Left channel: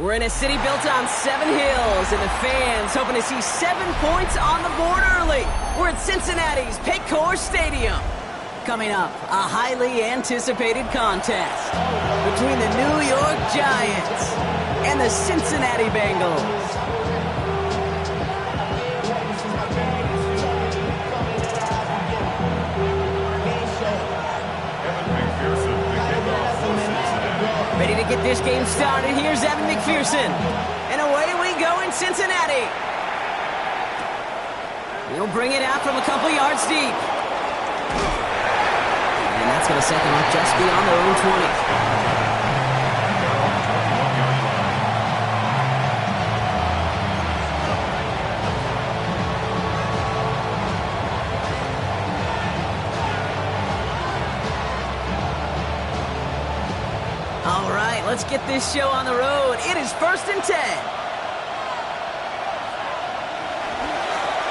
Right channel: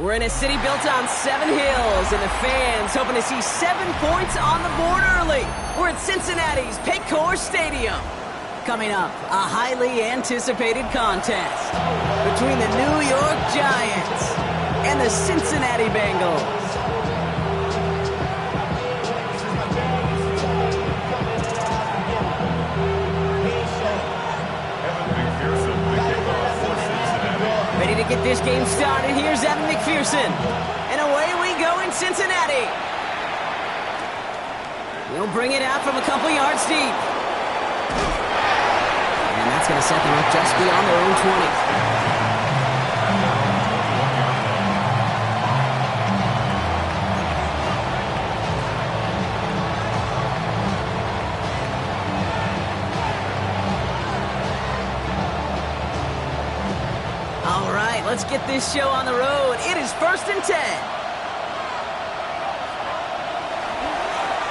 We're in a city built on 7 hills, and the fans hoping to see 7 points on the board early. We're at Cincinnati's Paycor Stadium. Coming up, a highly anticipated contest between the New York Giants and the Cincinnati Bengals. Ready to get this game started. Here's Evan McPherson. And away we go in Cincinnati. He'll bring it out from a couple yards deep. And that's going to set them up just beyond their own 20. All right, let's get this show on the road. It is 1st and 10.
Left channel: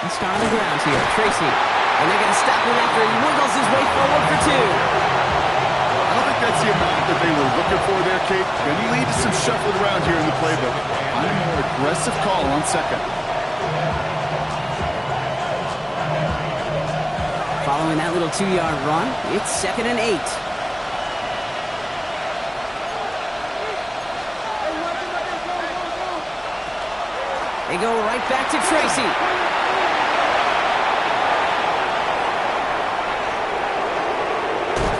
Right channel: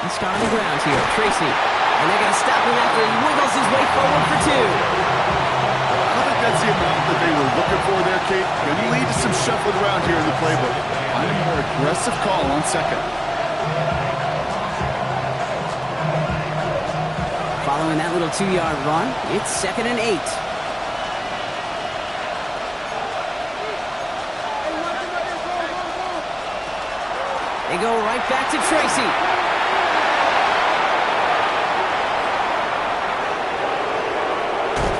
Let's start on the ground here. Tracy. And they're going to stop him after he wiggles his way forward for 2. I don't think that's the amount that they were looking for there, Kate. Going to lead to some shuffling around here in the playbook. Find a more aggressive call on 2nd. Following that little 2-yard run, it's 2nd and 8. They go right back to Tracy.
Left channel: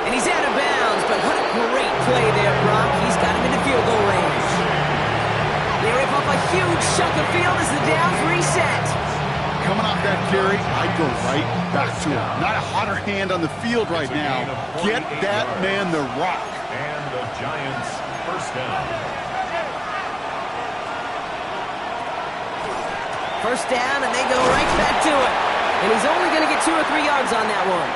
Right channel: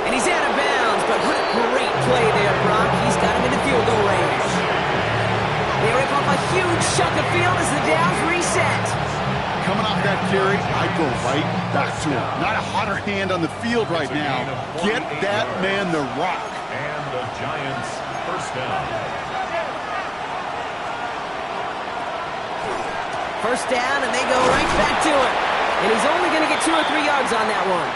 And he's out of bounds, but what a great play there, Brock. He's got him into field goal range. They rip off a huge chunk of field as the downs reset. Coming off that carry, I'd go right back to him. Not a hotter hand on the field right now. Get that man the rock. And the Giants first down. First down, and they go right back to it. And he's only going to get 2 or 3 yards on that one.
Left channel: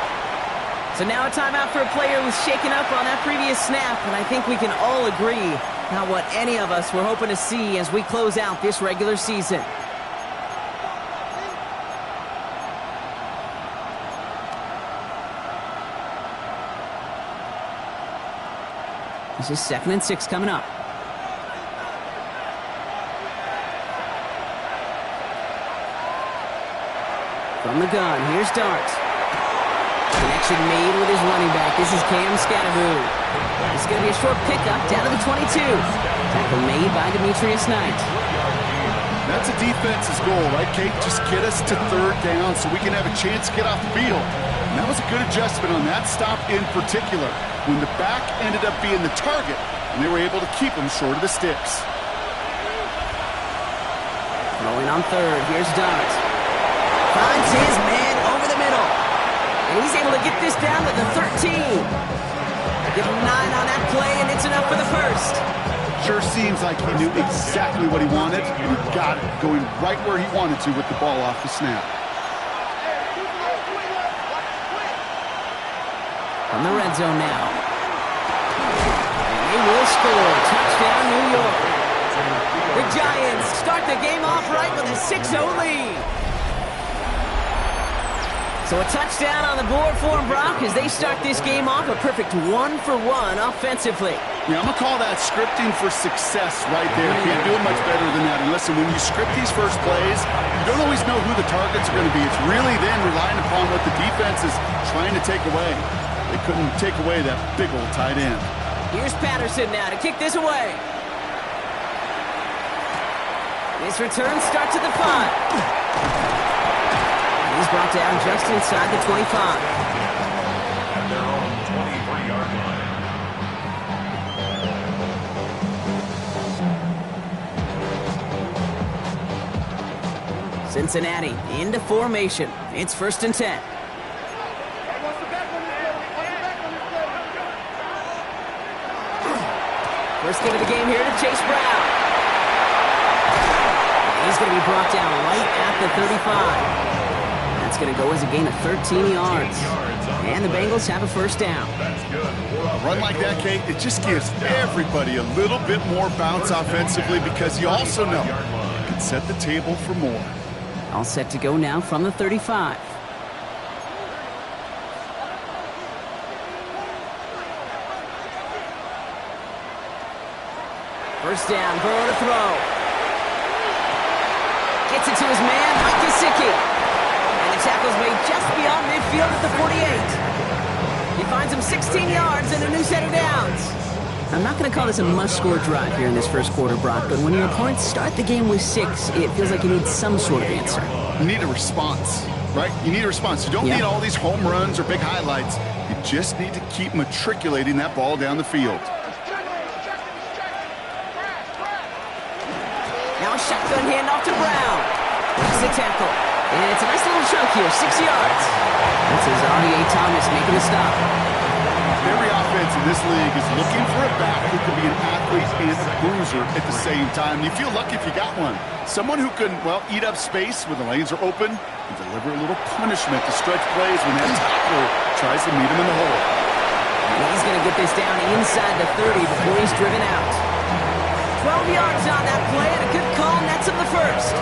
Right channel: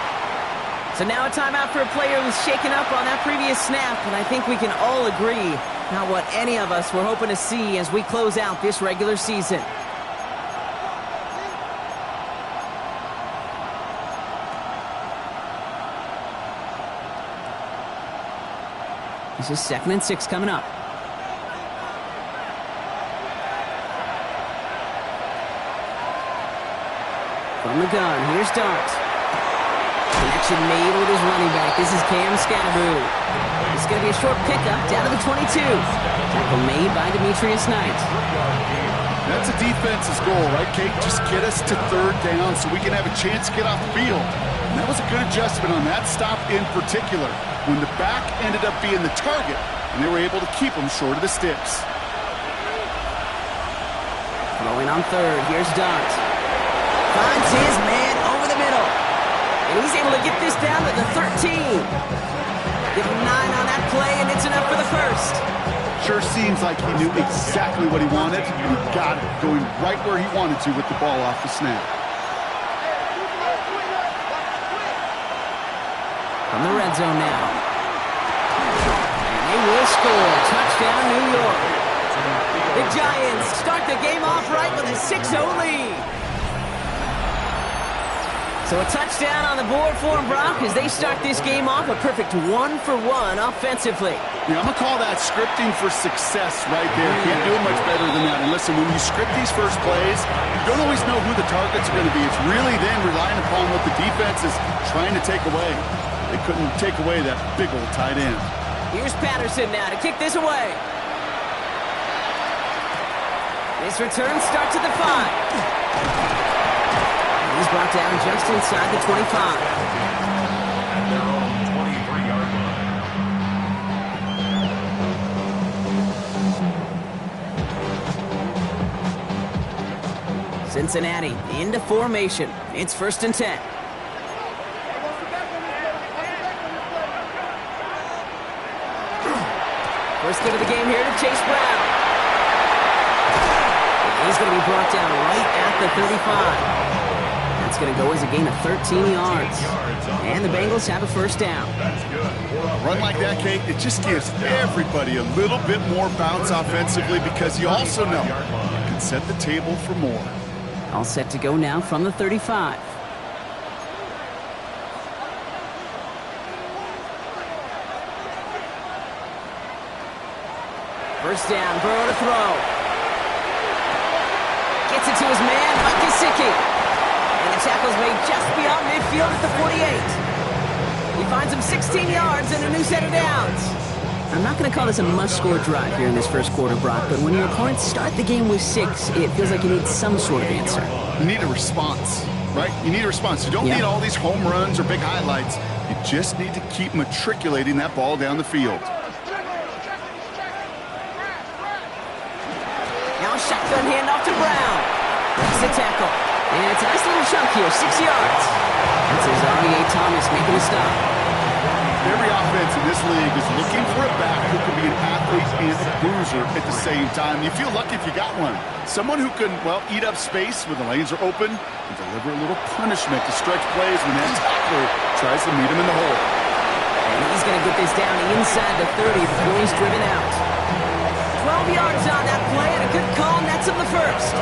So now a timeout for a player who's shaken up on that previous snap, and I think we can all agree not what any of us were hoping to see as we close out this regular season. This is 2nd and 6 coming up. From the gun, here's Dart. Connection made with his running back. This is Cam Scatterboo. It's going to be a short pickup down to the 22. Tackle made by Demetrius Knight. That's a defense's goal, right, Kate? Just get us to 3rd down so we can have a chance to get off the field. And that was a good adjustment on that stop in particular, when the back ended up being the target, and they were able to keep him short of the sticks. Throwing on 3rd, here's Dart. Finds his man over the middle. And he's able to get this down to the 13. Give him 9 on that play, and it's enough for the first. Sure seems like he knew exactly what he wanted, and he got it, going right where he wanted to with the ball off the snap. From the red zone now. And they will score. Touchdown, New York. The Giants start the game off right with a 6-0 lead. So a touchdown on the board for them, Brock, as they start this game off a perfect 1-for-1 offensively. Yeah, I'm going to call that scripting for success right there. Can't do it much better than that. And listen, when you script these first plays, you don't always know who the targets are going to be. It's really then relying upon what the defense is trying to take away. They couldn't take away that big old tight end. Here's Patterson now to kick this away. This return starts at the 5. He's brought down just inside the 25. At their own 23-yard line. Cincinnati into formation. It's 1st and 10. First give of the game here to Chase Brown. And he's going to be brought down right at the 35. That's going to go as a gain of 13 yards. And the Bengals have a first down. That's good. A run like that, Kate, it just gives everybody a little bit more bounce offensively because you also know you can set the table for more. All set to go now from the 35. First down, Burrow to throw. Gets it to his man, Mike Gesicki. And the tackle's made just beyond midfield at the 48. He finds him 16 yards and a new set of downs. I'm not going to call this a must-score drive here in this first quarter, Brock, but when your opponents start the game with 6, it feels like you need some sort of answer. You need a response, right? You need a response. You don't need all these home runs or big highlights. You just need to keep matriculating that ball down the field. Now a shotgun handoff to Brown. Breaks the tackle. And it's a nice little chunk here, 6 yards. That's Azareye'h Thomas making a stop. Every offense in this league is looking for a back who can be an athlete and a bruiser at the same time. You feel lucky if you got one. Someone who can, well, eat up space when the lanes are open and deliver a little punishment to stretch plays when that tackler tries to meet him in the hole. And he's going to get this down inside the 30 before he's driven out. 12 yards on that play and a good call nets him the first.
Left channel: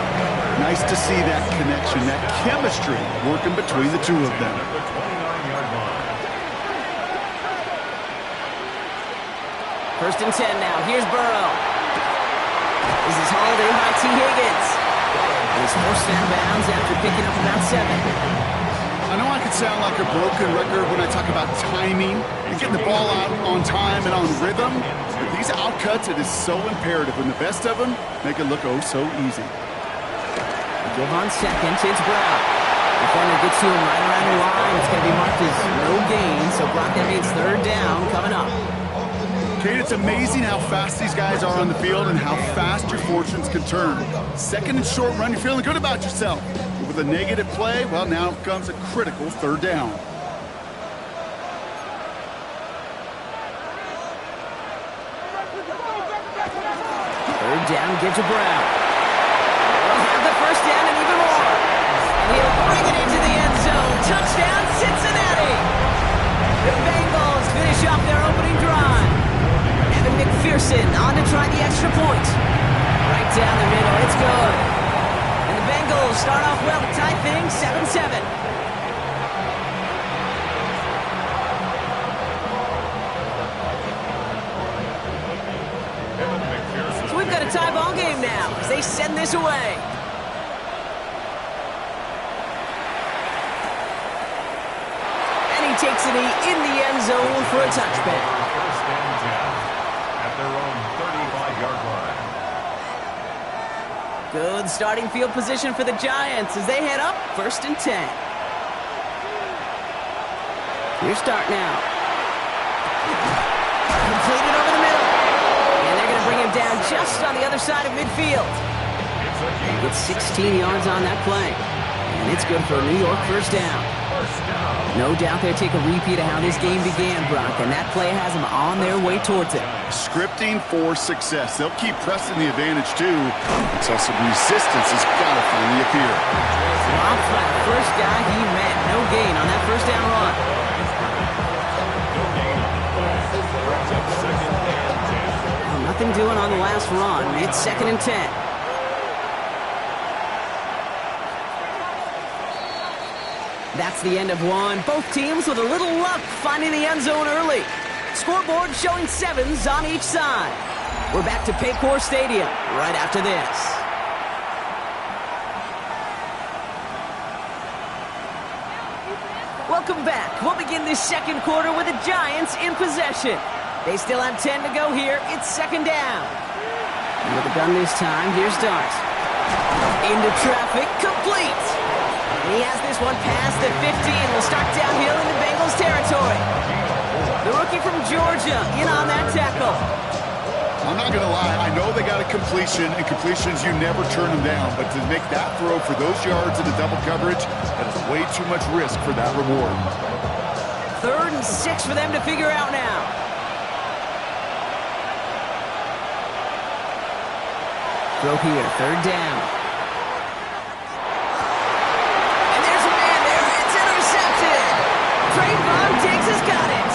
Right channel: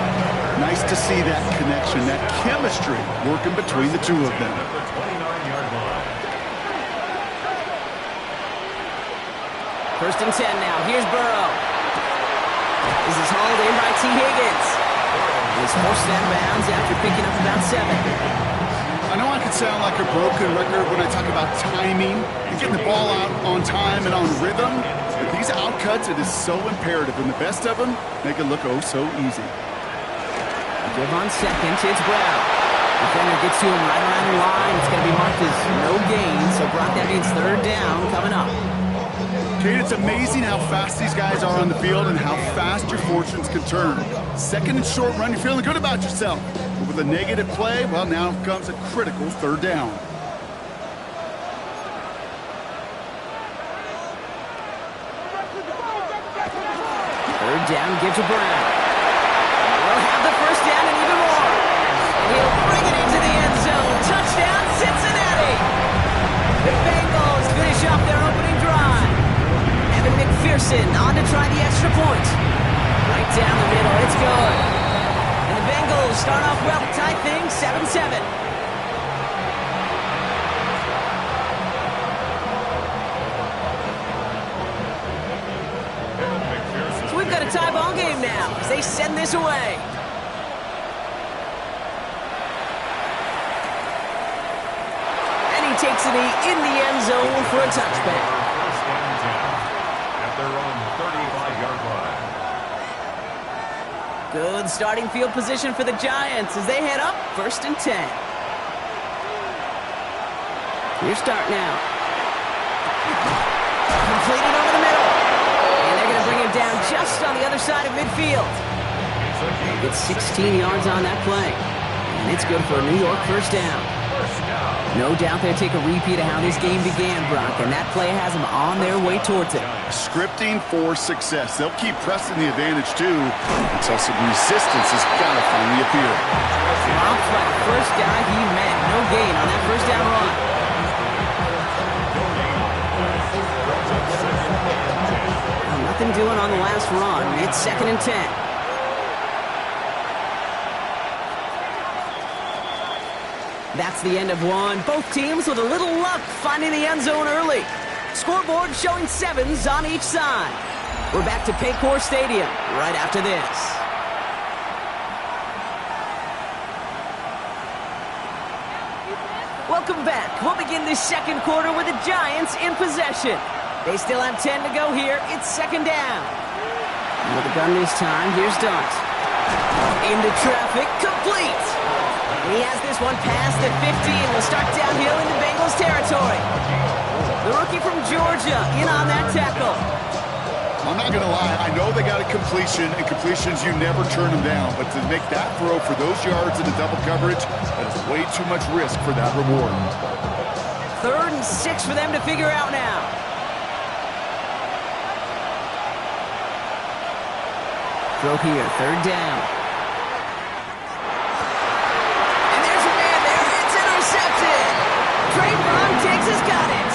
Nice to see that connection, that chemistry working between the two of them. First and 10 now. Here's Burrow. This is hauled in by T. Higgins. He's forced out of bounds after picking up about 7. I know I could sound like a broken record when I talk about timing and getting the ball out on time and on rhythm, but these outcuts, it is so imperative, and the best of them make it look oh so easy. Give on second. It's Brown. Defender gets to him right around the line. It's going to be marked as no gain, so Brock, that means third down coming up. Kate, it's amazing how fast these guys are on the field and how fast your fortunes can turn. Second and short run, you're feeling good about yourself. But with a negative play, well, now comes a critical third down. Third down, give to Brown. We'll have the first down and even more. And he'll bring it into the end zone. Touchdown, Cincinnati! The Bengals finish off their opening drive. Evan McPherson on to try the extra point. Right down the middle, it's good. And the Bengals start off well to tie things 7-7. So we've got a tie ball game now as they send this away. And he takes a knee in the end zone for a touchback. Their own 35-yard line. Good starting field position for the Giants as they head up first and 10. Your start now. Completed over the middle. And they're going to bring him down just on the other side of midfield. He gets 16 yards on that play. And it's good for a New York first down. No doubt they'll take a repeat of how this game began, Brock, and that play has them on their way towards it. Scripting for success. They'll keep pressing the advantage, too, until some resistance has got to finally appear. Dropped by the first guy he met. No gain on that first down run. Oh, nothing doing on the last run. It's second and 10. That's the end of one. Both teams with a little luck finding the end zone early. Scoreboard showing 7s on each side. We're back to Paycor Stadium right after this. Welcome back. We'll begin this second quarter with the Giants in possession. They still have 10 to go here. It's second down. And with the gun this time, here's Dart. Into traffic, complete. And he has this one past the 15. Will start downhill into Bengals territory. The rookie from Georgia in on that tackle. I'm not going to lie. I know they got a completion, and completions, you never turn them down. But to make that throw for those yards into double coverage, that is way too much risk for that reward. 3rd and 6 for them to figure out now. Throw here, 3rd down. And there's a man there. It's intercepted. Trayvon Diggs has got it.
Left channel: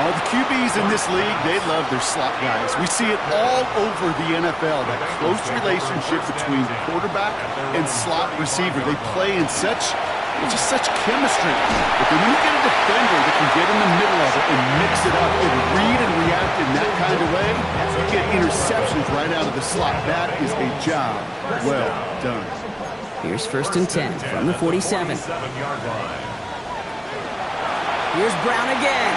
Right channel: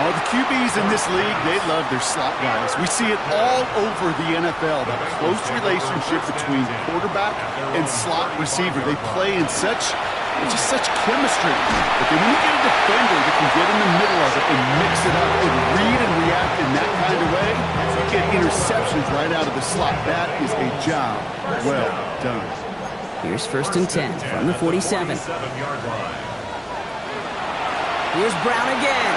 All the QBs in this league, they love their slot guys. We see it all over the NFL, that close relationship between quarterback and slot receiver. They play in such chemistry. But then when you get a defender that can get in the middle of it and mix it up and read and react blocked in that kind of way, you get interceptions right out of the slot. That is a job well done. Here's 1st and 10 from the 47. 47-yard line. Here's Brown again.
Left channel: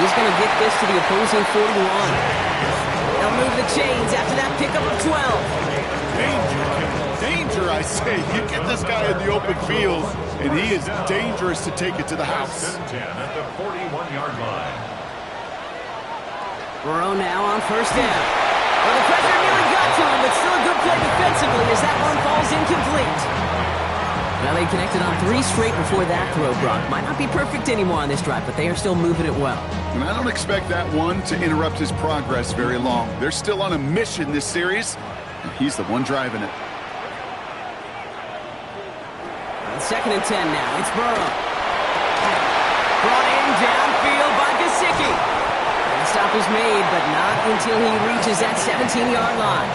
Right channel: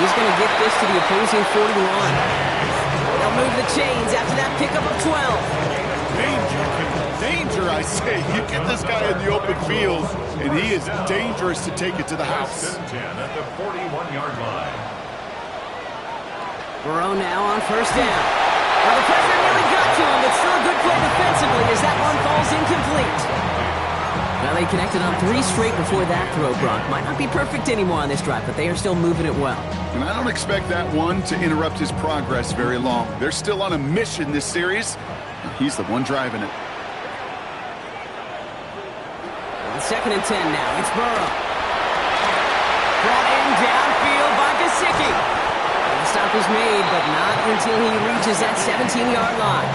He's going to get this to the opposing 41. They'll move the chains after that pickup of 12. Danger, I say. You get this guy in the open field, and he is dangerous to take it to the house. 1st and 10 at the 41-yard line. Burrow now on 1st down. Well, the pressure nearly got to him, but still a good play defensively as that one falls incomplete. Well, they connected on 3 straight before that throw, Brock. Might not be perfect anymore on this drive, but they are still moving it well. And I don't expect that one to interrupt his progress very long. They're still on a mission this series, and he's the one driving it. On 2nd and 10 now, it's Burrow. Brought in downfield by Gesicki. The stop is made, but not until he reaches that 17-yard line.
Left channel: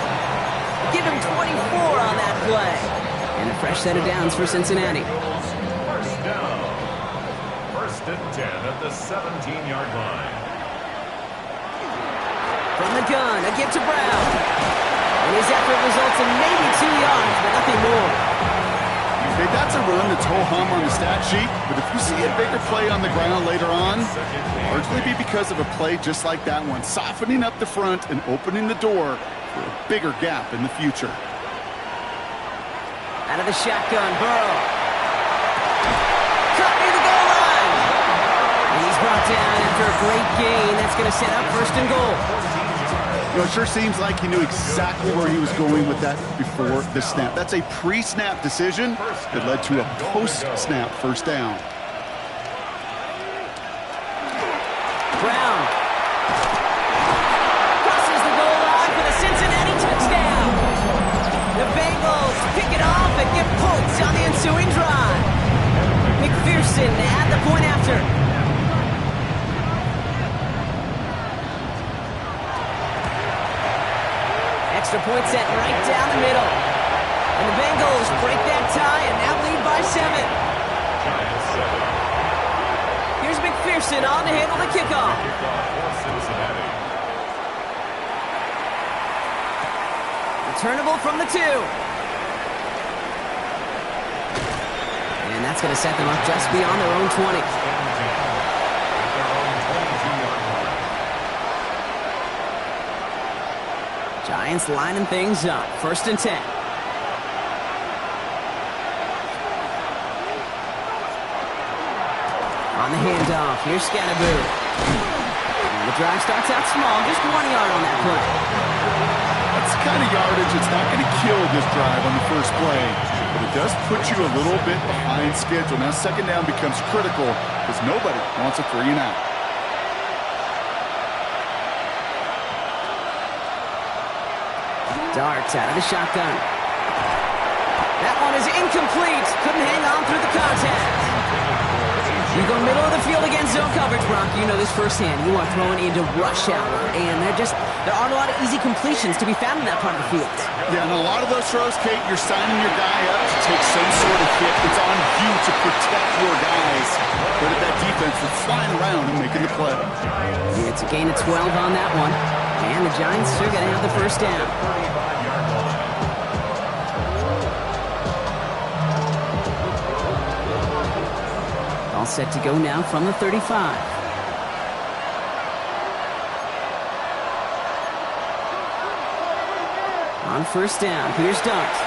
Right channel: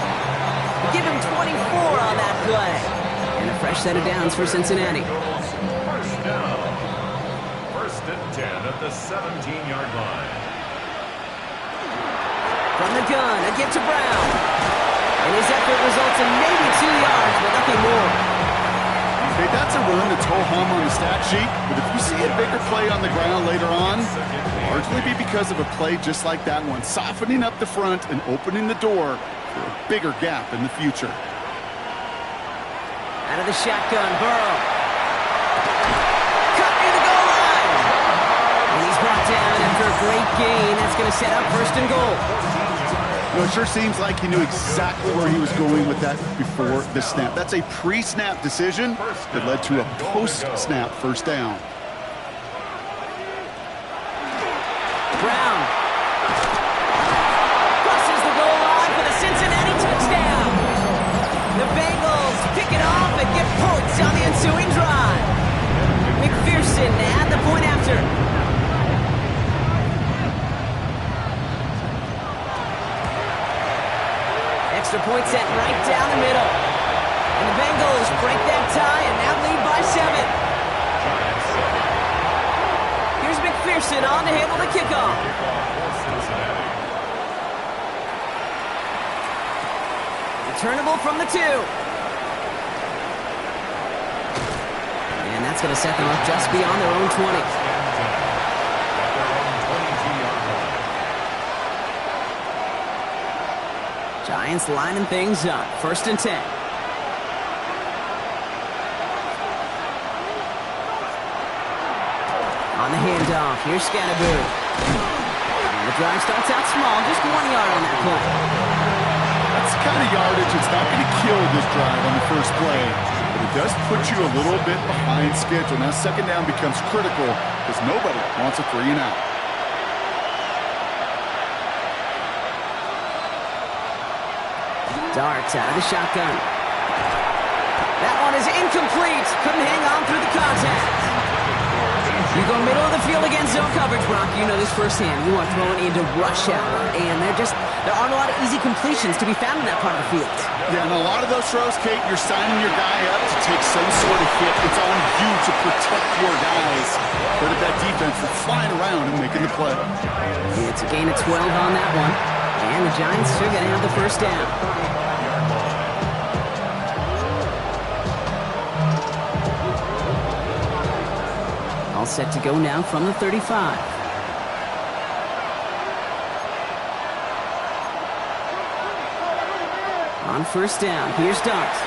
Give him 24 on that play. And a fresh set of downs for Cincinnati. 1st down. 1st and 10 at the 17-yard line. From the gun, a give to Brown. And his effort results in maybe 2 yards, but nothing more. Okay, that's a run that's ho-hum on the stat sheet, but if you see a bigger play on the ground later on, it'll largely be because of a play just like that one, softening up the front and opening the door for a bigger gap in the future. Out of the shotgun, Burrow. Cut near the goal line. And he's brought down after a great gain. That's going to set up 1st and goal. You know, it sure seems like he knew exactly where he was going with that before the snap. That's a pre-snap decision that led to a post-snap 1st down. Brown crosses the goal line for the Cincinnati touchdown. The Bengals pick it off and get points on the ensuing drive. McPherson at the point after. Extra point set right down the middle. And the Bengals break that tie and now lead by 7. Here's McPherson on to handle the kickoff. Returnable from the 2. And that's going to set them up just beyond their own 20. At their own 22-yard line. Giants lining things up. 1st and 10. On the handoff, here's Scannaboo. And the drive starts out small, just 1 yard on that play. That's the kind of yardage that's not going to kill this drive on the first play, but it does put you a little bit behind schedule. Now 2nd down becomes critical because nobody wants a 3 and out. Darts out of the shotgun. That one is incomplete. Couldn't hang on through the contact. You go middle of the field against zone coverage, Brock. You know this firsthand. You are throwing into rush hour, and there aren't a lot of easy completions to be found in that part of the field. Yeah, and a lot of those throws, Kate, you're signing your guy up to take some sort of hit. It's on you to protect your guys. But at that defense, they're flying around and making the play. It's a gain of 12 on that one. And the Giants are going to have the 1st down. 35-yard line. All set to go now from the 35. On 1st down, here's Darts.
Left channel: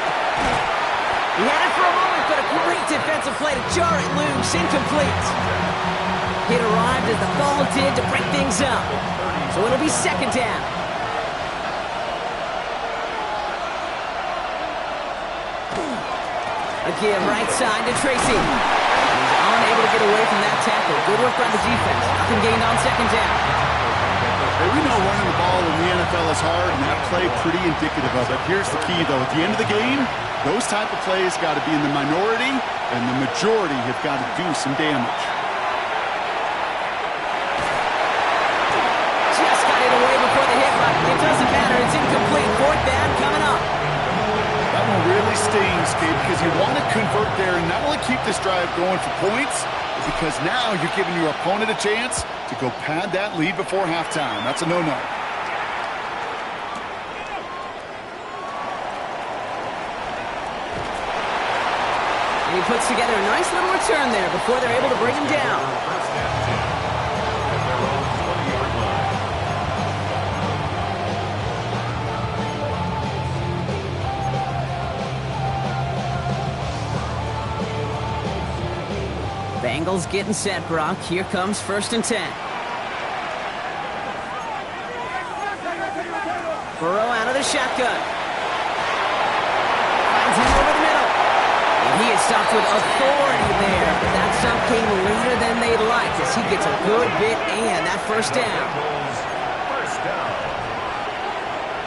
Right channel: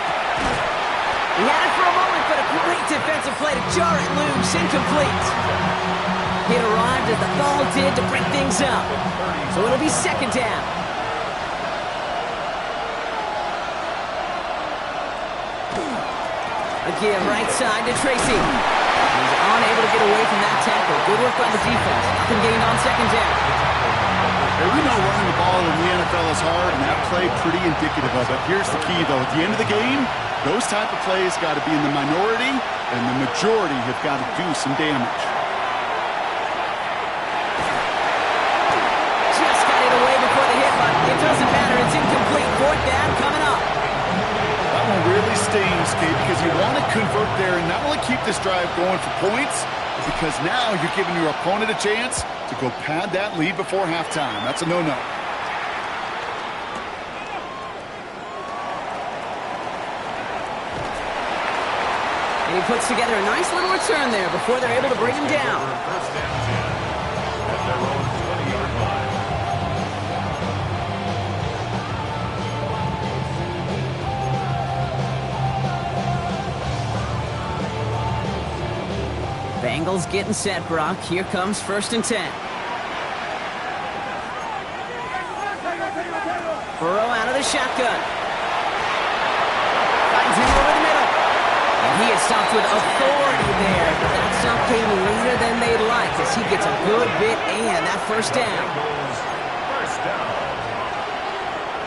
He had it for a moment, but a great defensive play to jar it loose, incomplete. It arrived as the ball did to break things up. So it'll be 2nd down. A give right side to Tracy. He's unable to get away from that tackle. Good work by the defense. Nothing gained on 2nd down. Hey, we know running the ball in the NFL is hard, and that play pretty indicative of it. Here's the key, though. At the end of the game, those type of plays got to be in the minority, and the majority have got to do some damage. Just got it away before the hit, but it doesn't matter. It's incomplete. 4th down coming up. That one really stings, Kate, because you want to convert there and not only keep this drive going for points, but because now you're giving your opponent a chance to go pad that lead before halftime. That's a no-no. And he puts together a nice little return there before they're able to bring him down. First and 10 at their own 20-yard line. Bengals getting set, Brock. Here comes first and 10. Burrow out of the shotgun. Finds him over the middle. And he is stopped with authority there, but that stop came later than they'd like as he gets a good bit and that first down. First down.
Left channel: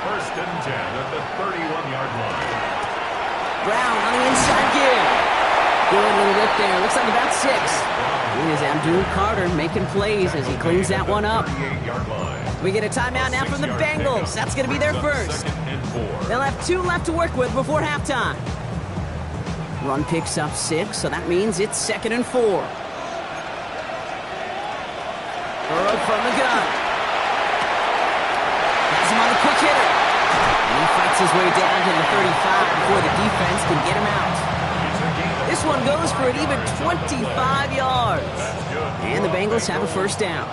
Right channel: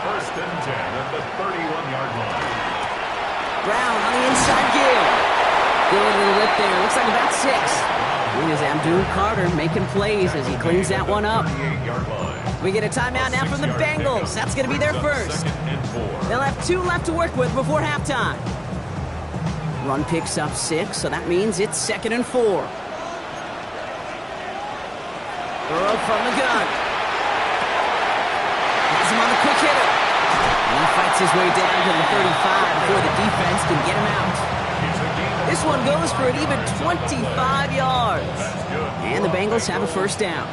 First and 10 at the 31-yard line. Brown on the inside give. Good little rip there. Looks like about 6. It is Abdul Carter making plays as he cleans that one up. We get a timeout now from the Bengals. That's going to be their first. They'll have 2 left to work with before halftime. Run picks up 6, so that means it's 2nd and 4. Burrow from the gun. Has him on the quick hitter. And he fights his way down to the 35 before the defense can get him out. This one goes for an even 25 yards. And the Bengals have a first down.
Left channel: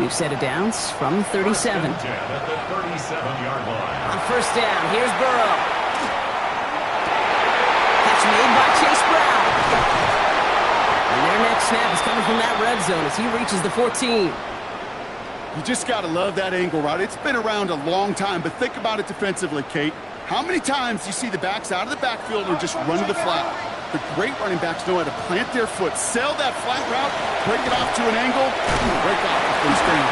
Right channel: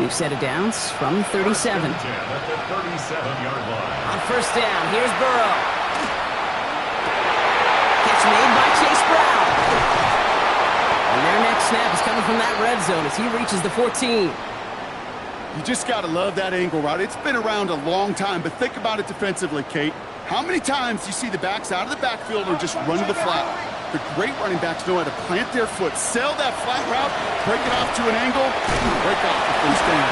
We've set it down from the 37. At the 37-yard line. On first down, here's Burrow. Catch made by Chase Brown. And their next snap is coming from that red zone as he reaches the 14. You just got to love that angle route. It's been around a long time, but think about it defensively, Kate. How many times do you see the backs out of the backfield or just run to the flat? The great running backs know how to plant their foot, sail that flat route, break it off to an angle, and break off the first down.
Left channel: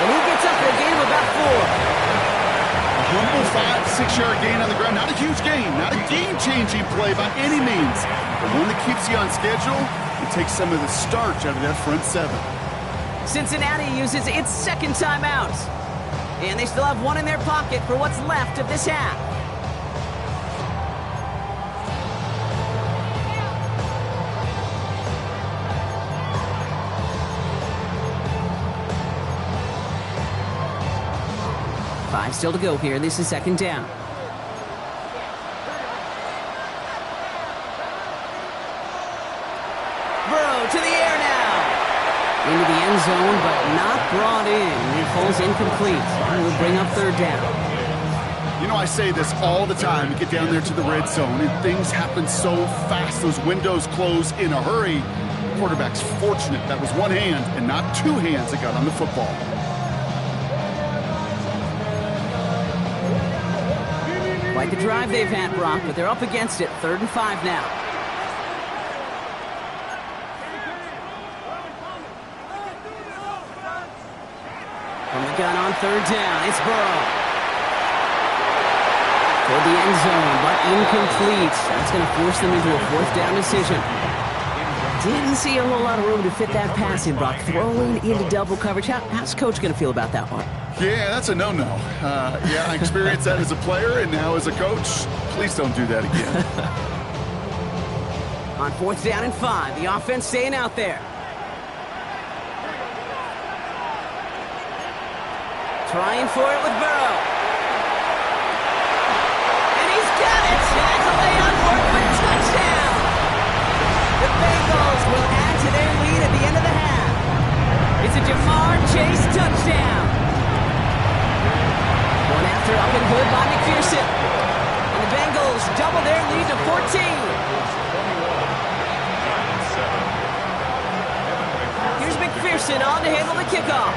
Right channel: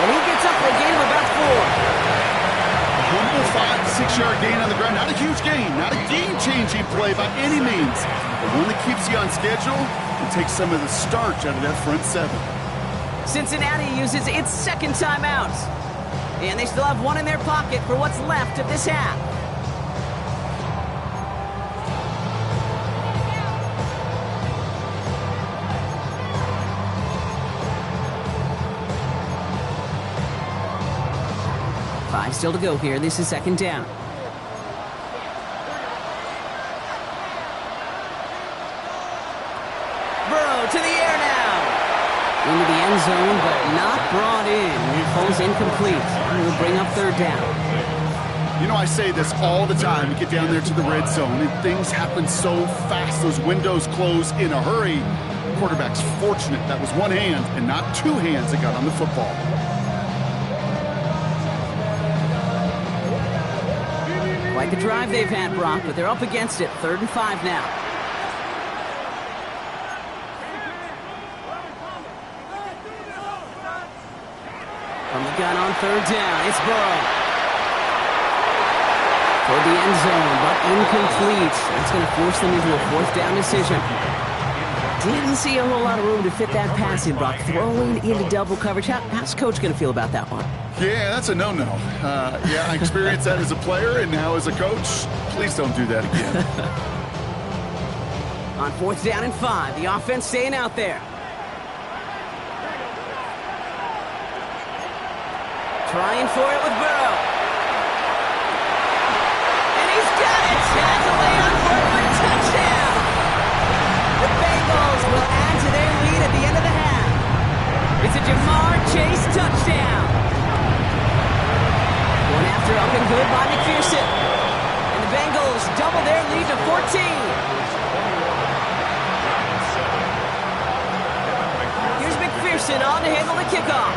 And he gets up for a gain of about 4. A humble 5 to 6 yard gain on the ground. Not a huge gain, not a game-changing play by any means, but one that keeps you on schedule and takes some of the starch out of that front 7. Cincinnati uses its second timeout. And they still have one in their pocket for what's left of this half. Five still to go here. This is second down. Burrow to the air now. Into the end zone, but not brought in. It falls incomplete. And we'll bring up third down. You know, I say this all the time. We get down there to the red zone, and things happen so fast. Those windows close in a hurry. The quarterback's fortunate that was one hand and not 2 hands that got on the football. Quite the drive they've had, Brock, but they're up against it. 3rd and 5 now. From the gun on third down, it's Burrow. Toward the end zone, but incomplete. That's going to force them into a 4th down decision. Didn't see a whole lot of room to fit that pass in, Brock. Throwing into double coverage. How's Coach going to feel about that one? Yeah, that's a no-no. Yeah, I experienced that as a player and now as a coach. Please don't do that again. On 4th down and 5, the offense staying out there. Trying for it with Burrow. And he's got it. Has a layup for it, but touchdown. The Bengals will add to their lead at the end of the half. It's a Jamar Chase touchdown. One after up and good by McPherson. And the Bengals double their lead to 14. Here's McPherson on to handle the kickoff.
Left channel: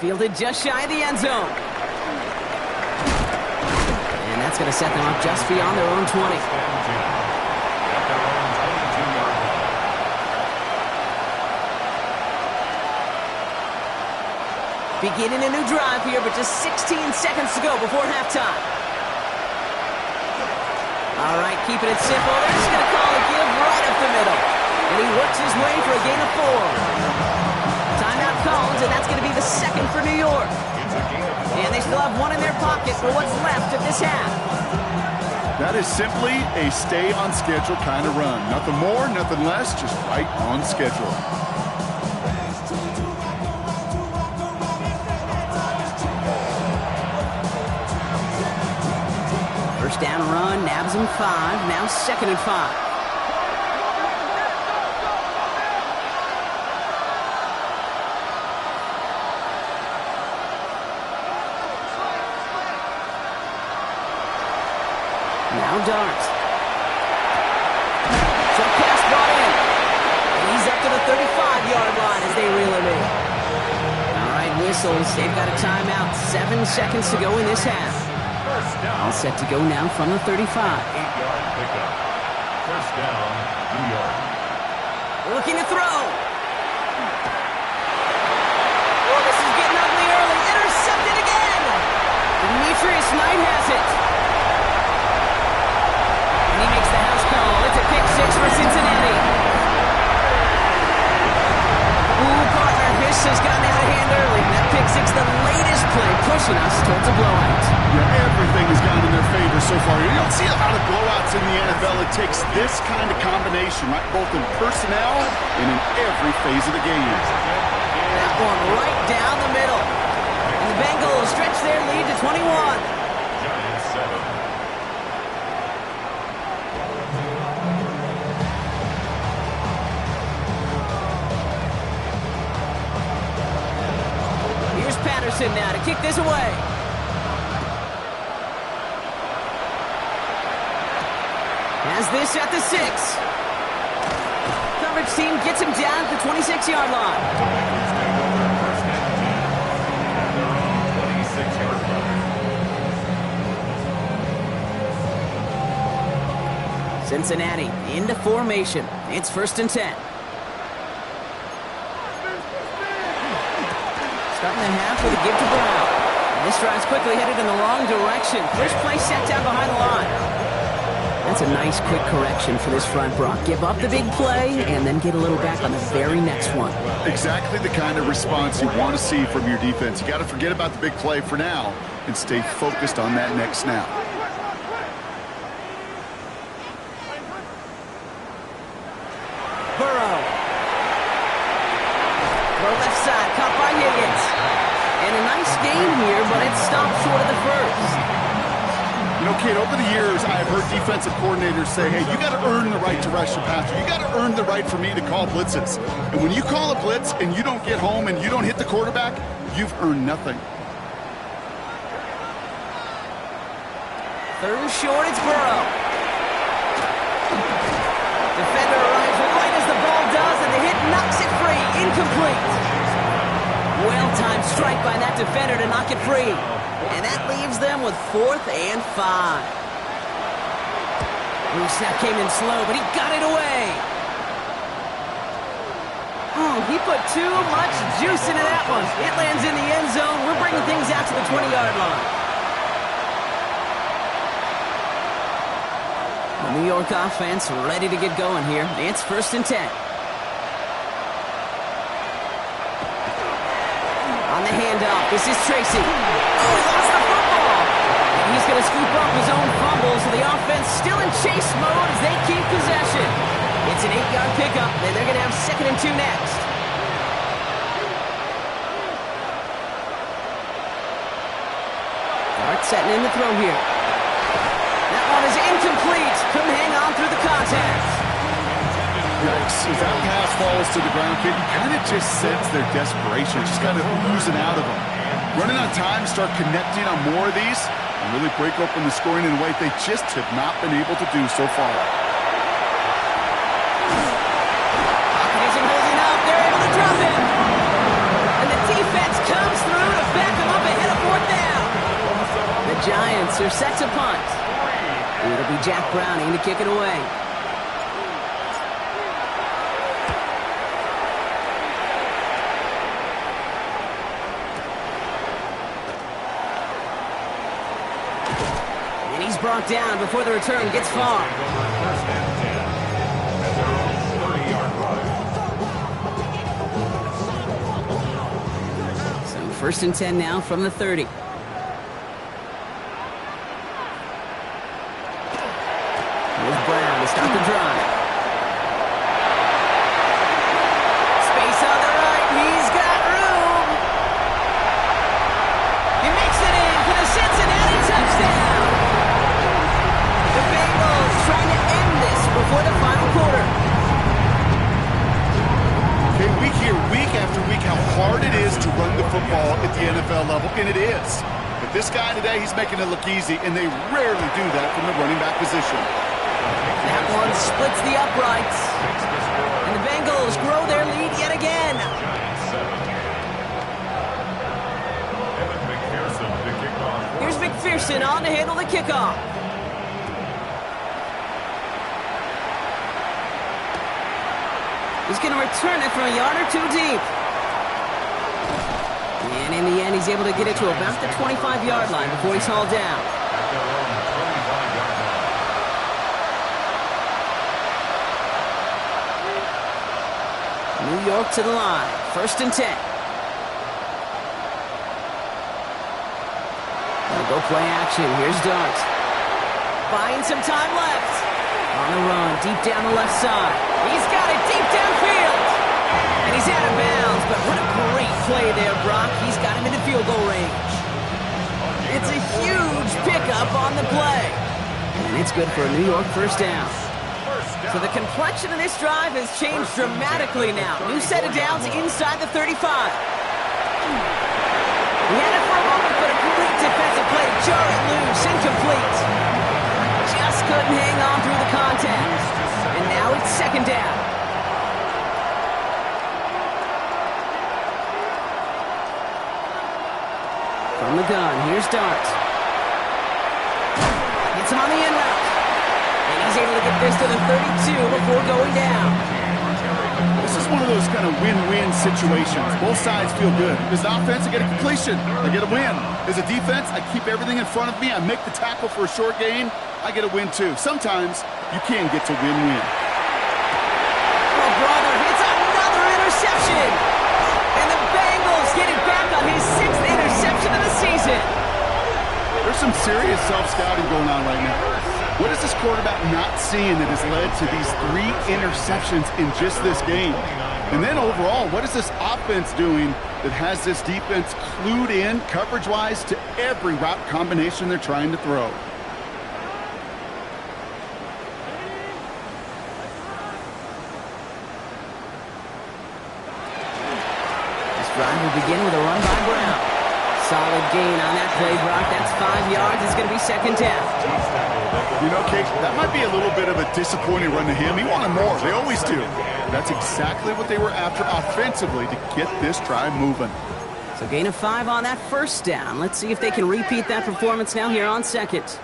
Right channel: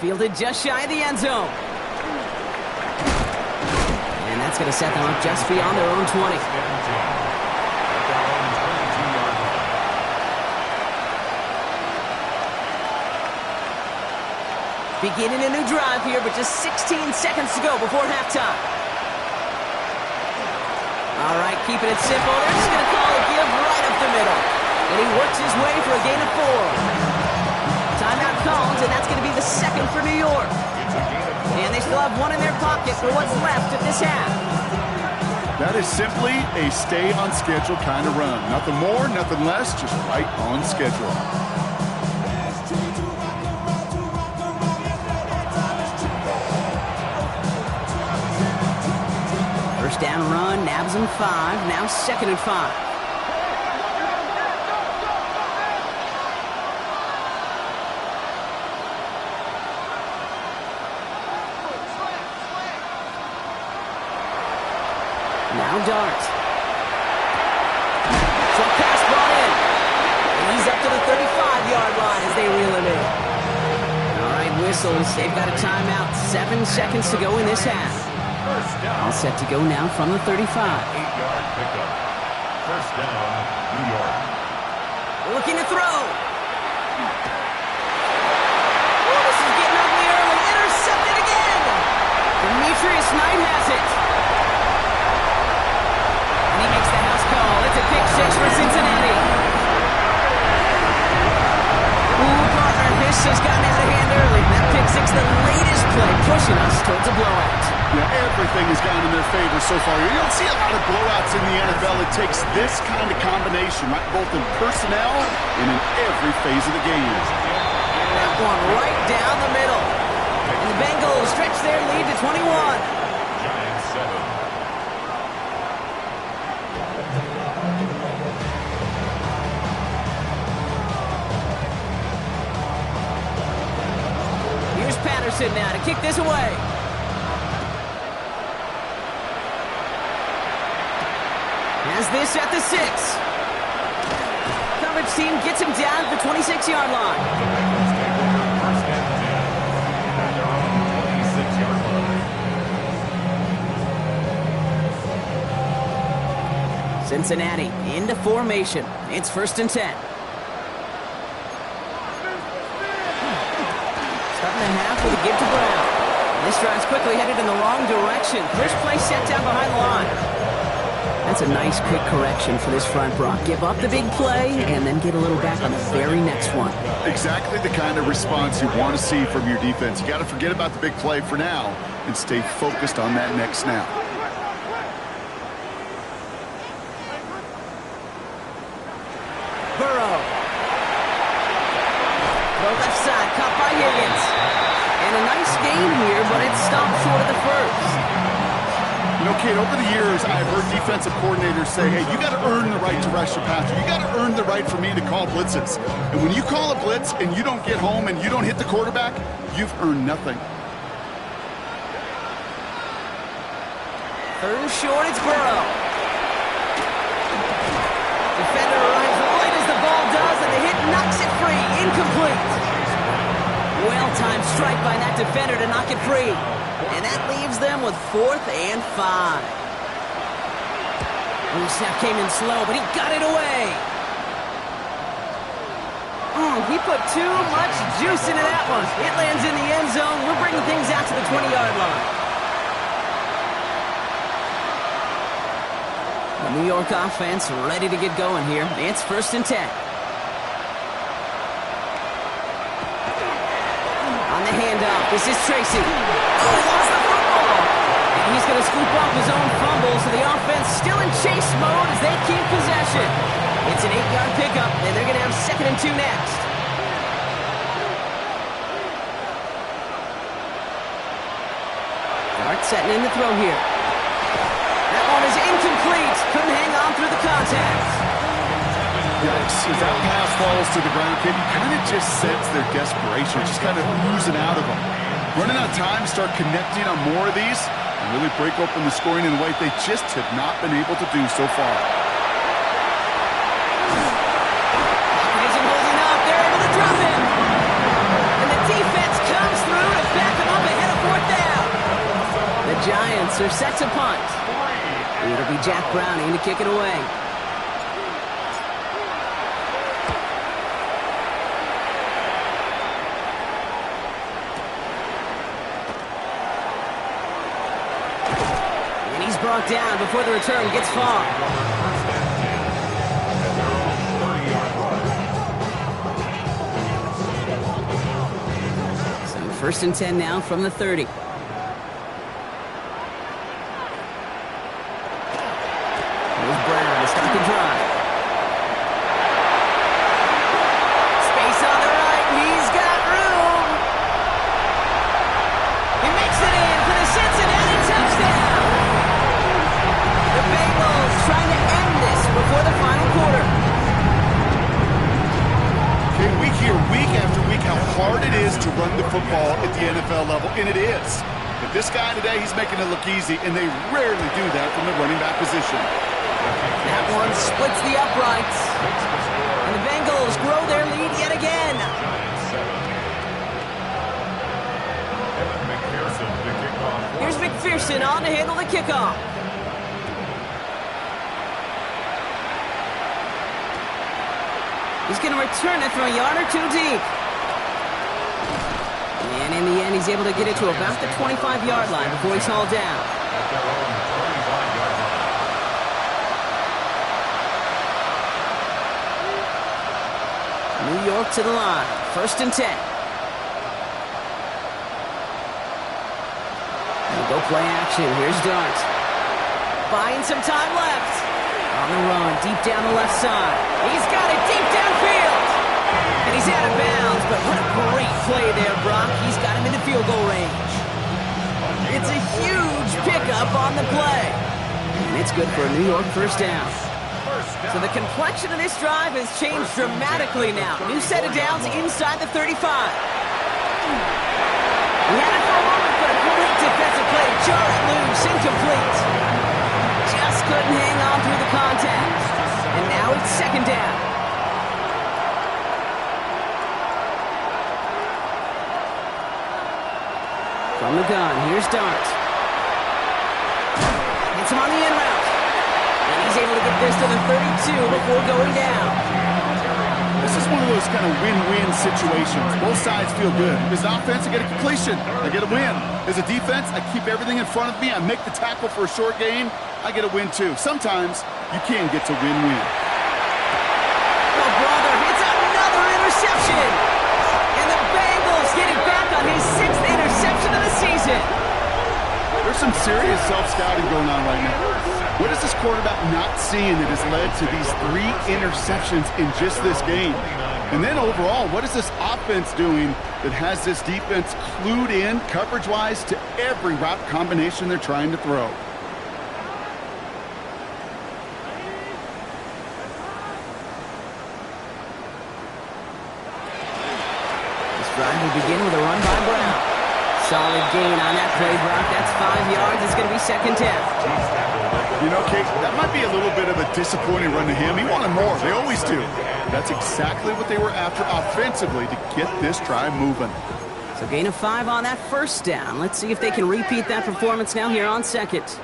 Fielded just shy of the end zone. And that's going to set them up just beyond their own 20. At their own 22-yard line. Beginning a new drive here, but just 16 seconds to go before halftime. All right, keeping it simple. They're just going to call a give right up the middle. And he works his way for a gain of 4. Timeout called, and that's going to be the 2nd for New York. And they still have one in their pocket for what's left of this half. That is simply a stay on schedule kind of run. Nothing more, nothing less, just right on schedule. First down run, nabs him 5, now 2nd and 5. Now Dart. Short pass brought in. And he's up to the 35-yard line as they reel him in. All right, whistles. They've got a timeout. 7 seconds to go in this half. First down. All set to go now from the 35. 8-yard pickup. First down, New York. Looking to throw. Oh, this is getting ugly early. Intercepted again. Demetrius Knight has it. And he makes the house call. It's a pick 6 for Cincinnati. Ooh, partner, this has gotten out of hand early. That pick 6, the latest play, pushing us towards a blowout. Yeah, everything has gone in their favor so far. You don't see a lot of blowouts in the NFL. It takes this kind of combination, right? Both in personnel and in every phase of the game. That one right down the middle. And the Bengals stretch their lead to 21. Giants 7. Here's Patterson now to kick this away. Has this at the 6. Coverage team gets him down at the 26-yard line. The Bengals take over first and 10 at their own 26-yard line. Cincinnati into formation. It's 1st and 10. Starting the half with a give to Brown. This drive's quickly headed in the wrong direction. First play set down behind the line. That's a nice quick correction for this front, Brock. Give up the big play and then get a little back on the very next one. Exactly the kind of response you want to see from your defense. You got to forget about the big play for now and stay focused on that next snap. Burrow. Throw left side, caught by Higgins. And a nice gain here, but it's stopped short of the first. You know, kid, over the years, I've heard defensive coordinators say, hey, you got to earn the right to rush your passer. You got to earn the right for me to call blitzes. And when you call a blitz and you don't get home and you don't hit the quarterback, you've earned nothing. 3rd and short, it's Burrow. Defender arrives right as the ball does, and the hit knocks it free. Incomplete. Well-timed strike by that defender to knock it free. And that leaves them with 4th and 5. Ooh, snap came in slow, but he got it away. He put too much juice into that one. It lands in the end zone. We're bringing things out to the 20-yard line. The New York offense ready to get going here. It's 1st and 10. On the handoff, this is Tracy. Oh, he lost the football. And he's going to scoop up his own fumble, so the offense still in chase mode as they keep possession. It's an 8-yard pickup, and they're going to have 2nd and 2 next. Dart setting in the throw here. That one is incomplete. Couldn't hang on through the contact. Yikes. As that pass falls to the ground, kid, you kind of just sense their desperation, just kind of oozing out of them. Running on time to start connecting on more of these and really break open the scoring in a way they just have not been able to do so far. Pocket isn't holding up. They're able to drop him. And the defense comes through to back him up ahead of 4th down. The Giants are set to punt. It'll be Jack Browning to kick it away. And he's brought down before the return gets far. First and 10 at their own 30-yard line. So 1st and 10 now from the 30. to start the drive. Space on the right. He's got room. He makes it in for the Cincinnati touchdown. The Bengals trying to end this before the final quarter. Okay, we hear week after week how hard it is to run the football at the NFL level, and it is. But this guy today, he's making it look easy, and they rarely do that from the running back position. That one splits the uprights. And the Bengals grow their lead yet again. Here's McPherson on to handle the kickoff. He's going to return it from a yard or two deep. And in the end, he's able to get it to about the 25-yard line before he's hauled down. At their own 25-yard line. New York to the line. 1st and 10. They'll go play action. Here's Dart. Buying some time left. On the run, deep down the left side. He's got it deep downfield. And he's out of bounds, but what a great play there, Brock. He's got him into field goal range. It's a huge pickup on the play. And it's good for a New York first down. So the complexion of this drive has changed dramatically now. New set of downs inside the 35. We had it for a moment, but a great defensive play to jar it loose, incomplete. Just couldn't hang on through the contact. And now it's 2nd down. From the gun, here's Dart. Gets him on the in route. And he's able to get this to the 32 before going down. This is one of those kind of win-win situations. Both sides feel good. As an offense, I get a completion. I get a win. As a defense, I keep everything in front of me. I make the tackle for a short gain. I get a win, too. Sometimes, you can get to win-win. Oh, brother, it's another interception. And the Bengals getting back on his 6th interception of the season. There's some serious self-scouting going on right now. What is this quarterback not seeing that has led to these 3 interceptions in just this game? And then overall, what is this offense doing that has this defense clued in coverage-wise to every route combination they're trying to throw? This drive will begin with a run by Brown. Solid gain on that play, Brock. That's 5 yards. It's going to be 2nd down. You know, Kate, that might be a little bit of a disappointing run to him. He wanted more. They always do. That's exactly what they were after offensively to get this drive moving. So gain of 5 on that 1st down. Let's see if they can repeat that performance now here on 2nd.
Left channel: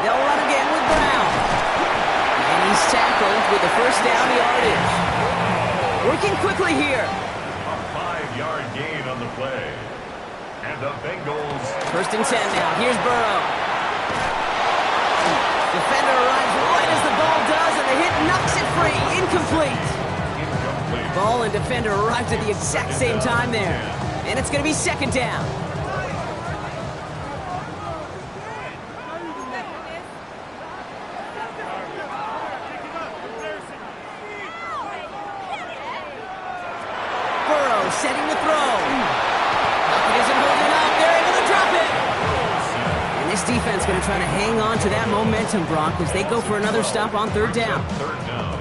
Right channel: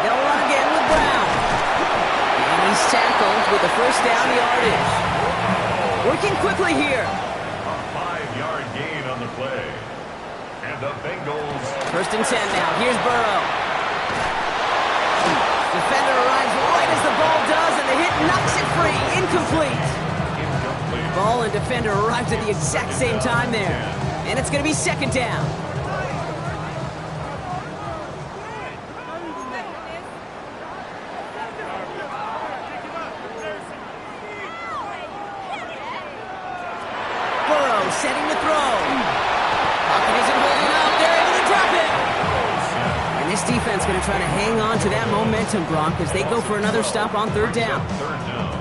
They'll run again with Brown. And he's tackled with the 1st down yardage. Working quickly here. A 5-yard gain on the play. And the Bengals. 1st and 10 now. Here's Burrow. Defender arrives right as the ball does, and the hit knocks it free. Incomplete. Ball and defender arrived at the exact same time there. And it's going to be 2nd down. Burrow setting to throw. Pocket isn't holding up. They're able to drop it. And this defense going to try to hang on to that momentum, Brock, as they go for another stop on 3rd down. 3rd down.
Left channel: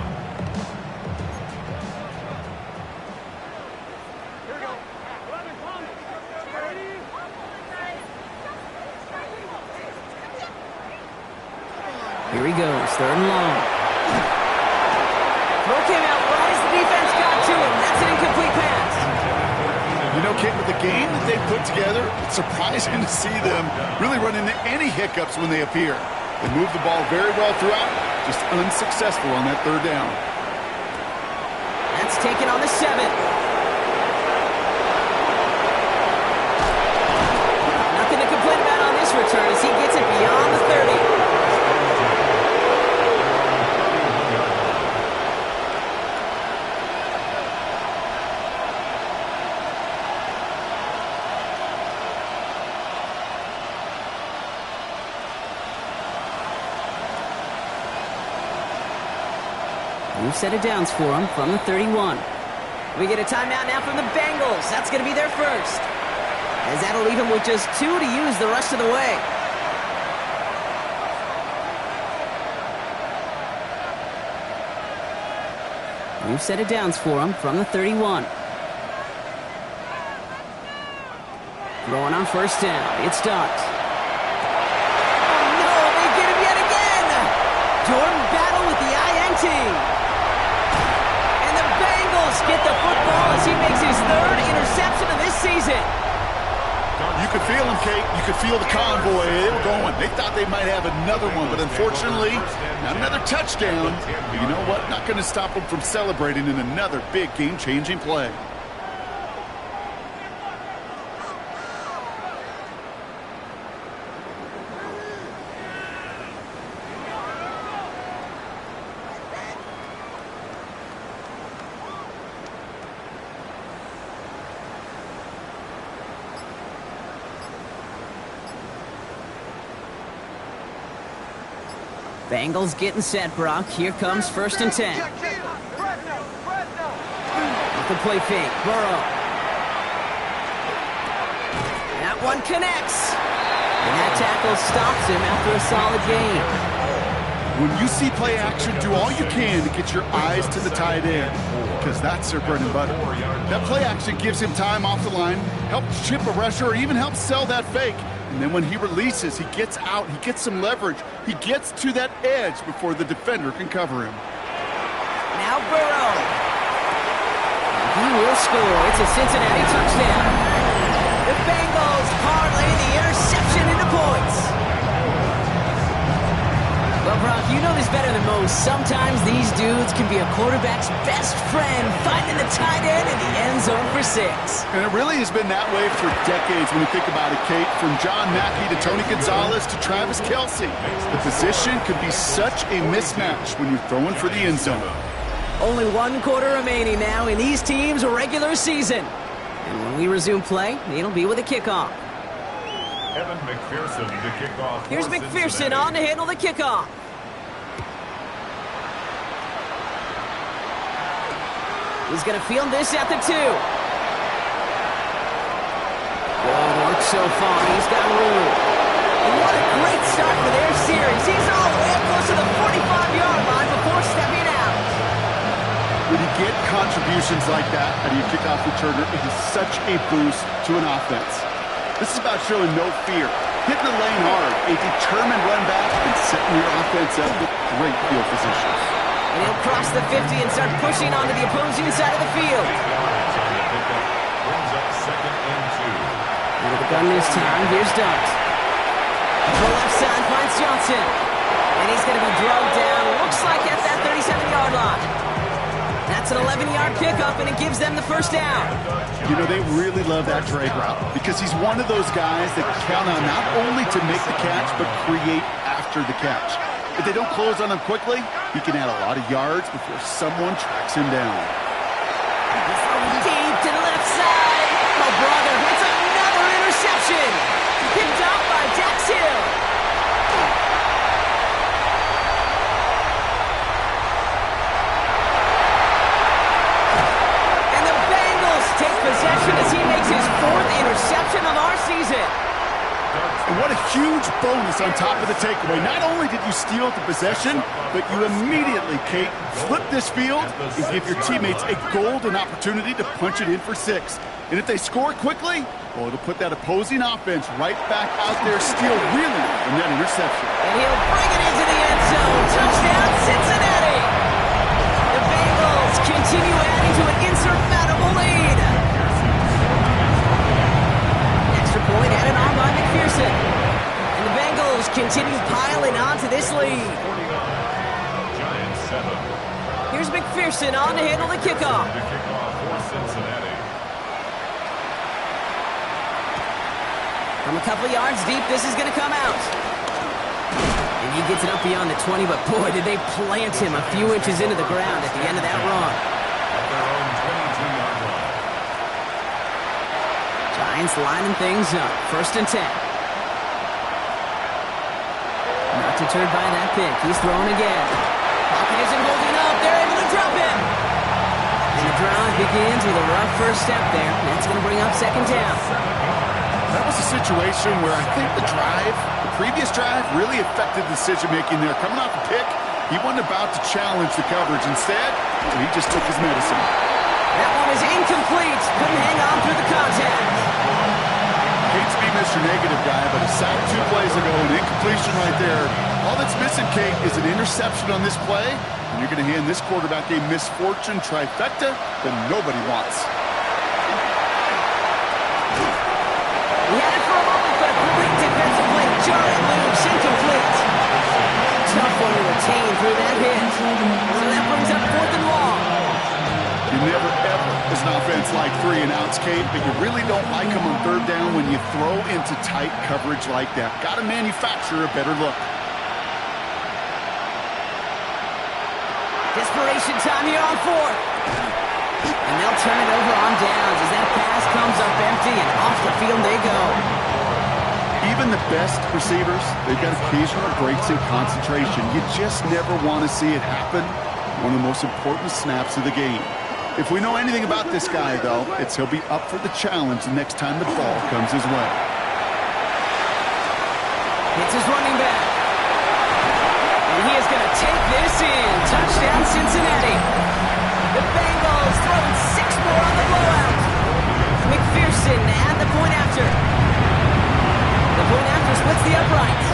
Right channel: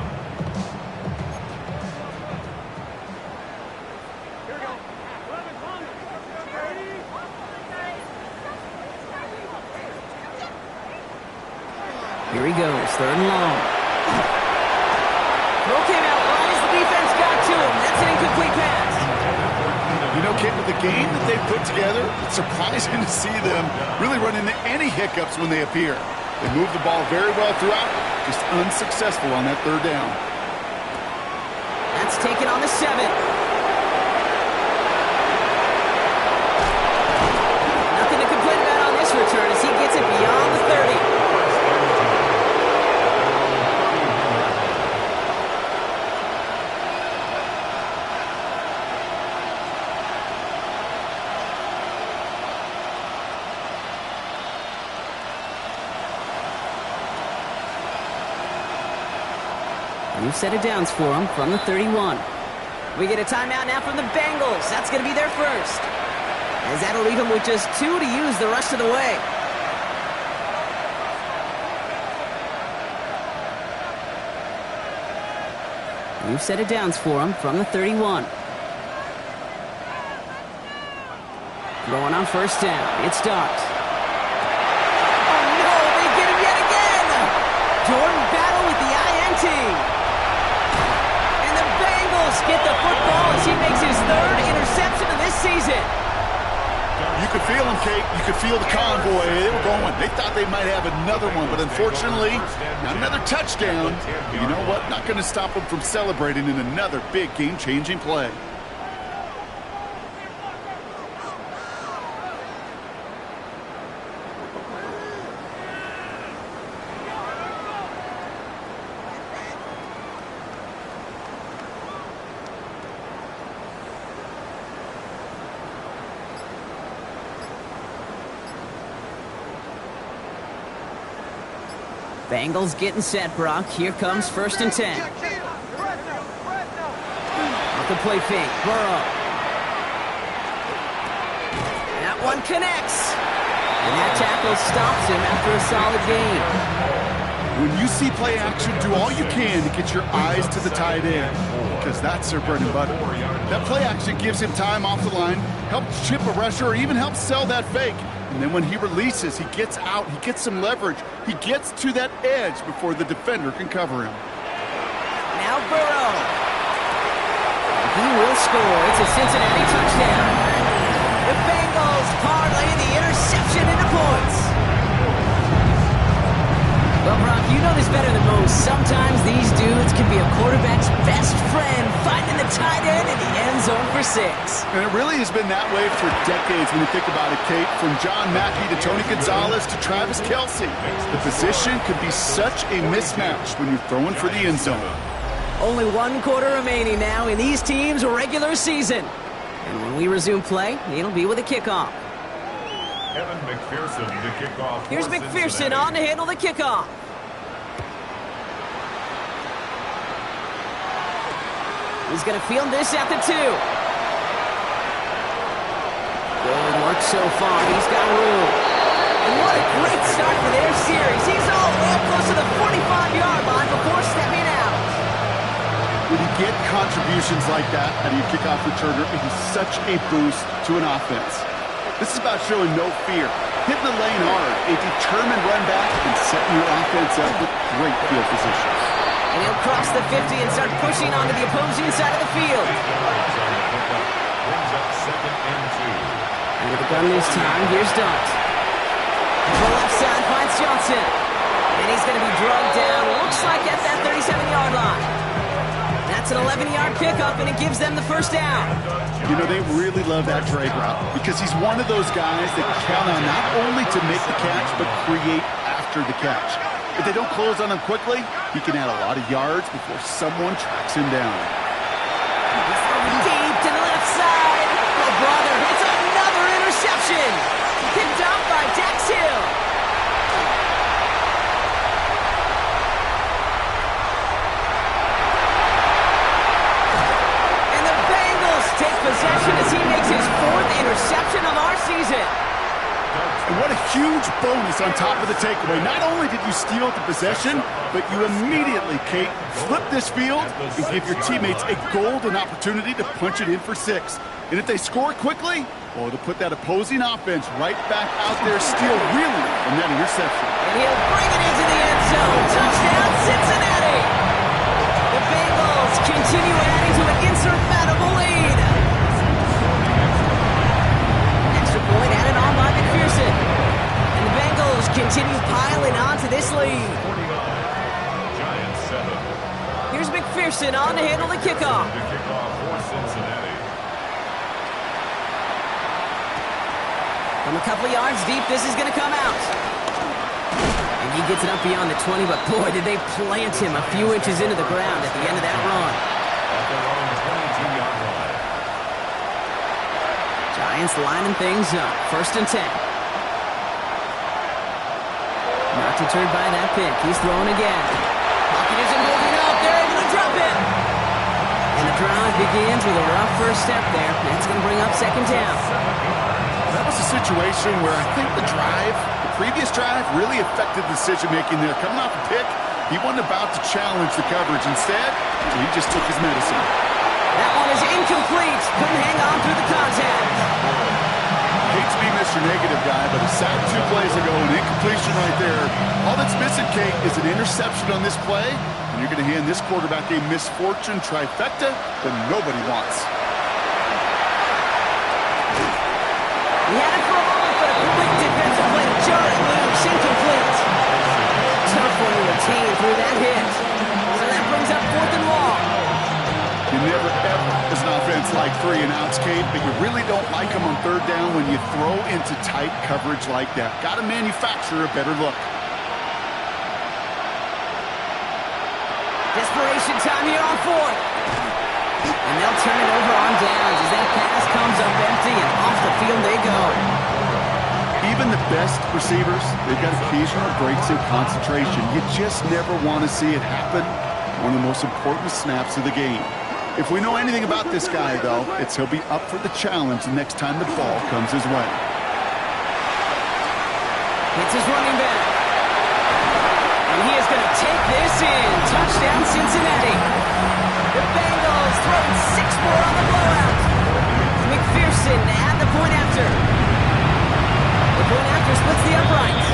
Here he goes, 3rd and long. Throw came out right as the defense got to him. That's an incomplete pass. You know, Kate, with the game that they put together, it's surprising to see them really run into any hiccups when they appear. They move the ball very well throughout, just unsuccessful on that 3rd down. That's taken on the 7. Nothing to complain about on this return as he gets it beyond the 30. New set of downs for them from the 31. We get a timeout now from the Bengals. That's going to be their first, as that'll leave them with just 2 to use the rest of the way. New set of downs for them from the 31. Throwing on first down. It starts. Oh, no, they get him yet again. Jordan Battle with the INT. And the Bengals get the football as he makes his 3rd interception of this season. You could feel them, Kate. You could feel the convoy. They were going. They thought they might have another one, but unfortunately, not another touchdown. But you know what? Not going to stop them from celebrating in another big game-changing play. Bengals getting set, Brock. Here comes 1st and 10. Off the play fake, Burrow. That one connects. And that tackle stops him after a solid gain. When you see play action, do all you can to get your eyes to the tight end, because that's their bread and butter. That play action gives him time off the line, helps chip a rusher, or even helps sell that fake. And then when he releases, he gets out, he gets some leverage, he gets to that edge before the defender can cover him. Now Burrow. He will score. It's a Cincinnati touchdown. The Bengals parlay the interception into points. Well, Brock, you know this better than most. Sometimes these dudes can be a quarterback's best friend, finding the tight end in the end zone for 6. And it really has been that way for decades when you think about it, Kate. From John Mackey to Tony Gonzalez to Travis Kelce. The position could be such a mismatch when you're throwing for the end zone. Only 1 quarter remaining now in these teams' regular season. And when we resume play, it'll be with a kickoff. Evan McPherson to kick off. Here's McPherson on to handle the kickoff. He's going to field this at the 2. Good work so far. He's got room. And what a great start for their series. He's all the way up close to the 45-yard line before stepping out. When you get contributions like that out of your kickoff returner, it is such a boost to an offense. This is about showing no fear, hitting the lane hard, a determined run back, and setting your offense up with great field positions. And he'll cross the 50 and start pushing onto the opposing side of the field. 8 yards on the pickup. Brings up 2nd and 2. With the gun this time, here's Dart. To the left side finds Johnson. And he's going to be drugged down, looks like at that 37-yard line. That's an 11-yard pickup, and it gives them the first down. You know, they really love that drag route because he's one of those guys that can count on not only to make the catch, but create after the catch. If they don't close on him quickly, he can add a lot of yards before someone tracks him down. Deep to the left side. Oh, brother, it's another interception. Picked off by Dax Hill. Take possession as he makes his 4th interception of our season. And what a huge bonus on top of the takeaway. Not only did you steal the possession, but you immediately, Kate, flip this field and give your teammates a golden opportunity to punch it in for 6. And if they score quickly, well, it'll put that opposing offense right back out there, steal really from that interception. And he'll bring it into the end zone. Touchdown, Cincinnati. The Bengals continue adding to an insurmountable lead. Extra point added on by McPherson. And the Bengals continue piling on to this lead. 49. Giants 7. Here's McPherson on to handle the kickoff. To kick off for Cincinnati. From a couple yards deep, this is going to come out. And he gets it up beyond the 20, but boy, did they plant him a few inches into the ground at the end of that run. At their own 22-yard line. Giants lining things up. 1st and 10. Not deterred by that pick. He's throwing again. Pocket isn't holding up. They're able to drop him. And the drive begins with a rough first step there. That's going to bring up second down. That was a situation where I think the previous drive, really affected the decision-making there. Coming off a pick, he wasn't about to challenge the coverage. Instead, he just took his medicine. That one is incomplete. Couldn't hang on through the contact. Hate to be Mr. Negative guy, but a sack 2 plays ago, an incompletion right there. All that's missing, Kate, is an interception on this play, and you're going to hand this quarterback a misfortune trifecta that nobody wants. He had it for a moment, but a quick defensive play to jar it loose. Incomplete. Tough one to retain through that hit. So that brings up 4th and long. You never, ever, as an offense, like 3 and outs, Kate, but you really don't like them on 3rd down when you throw into tight coverage like that. Got to manufacture a better look. Desperation time here on 4th. And they'll turn it over on downs as that pass comes up empty and off the field they go. Even the best receivers, they've got occasional breaks in concentration. You just never want to see it happen. One of the most important snaps of the game. If we know anything about this guy, though, it's he'll be up for the challenge the next time the ball comes his way. It's his running back. And he is going to take this in. Touchdown, Cincinnati. The Bengals throwing 6 more on the blowout. McPherson at the point after. The point after splits the uprights.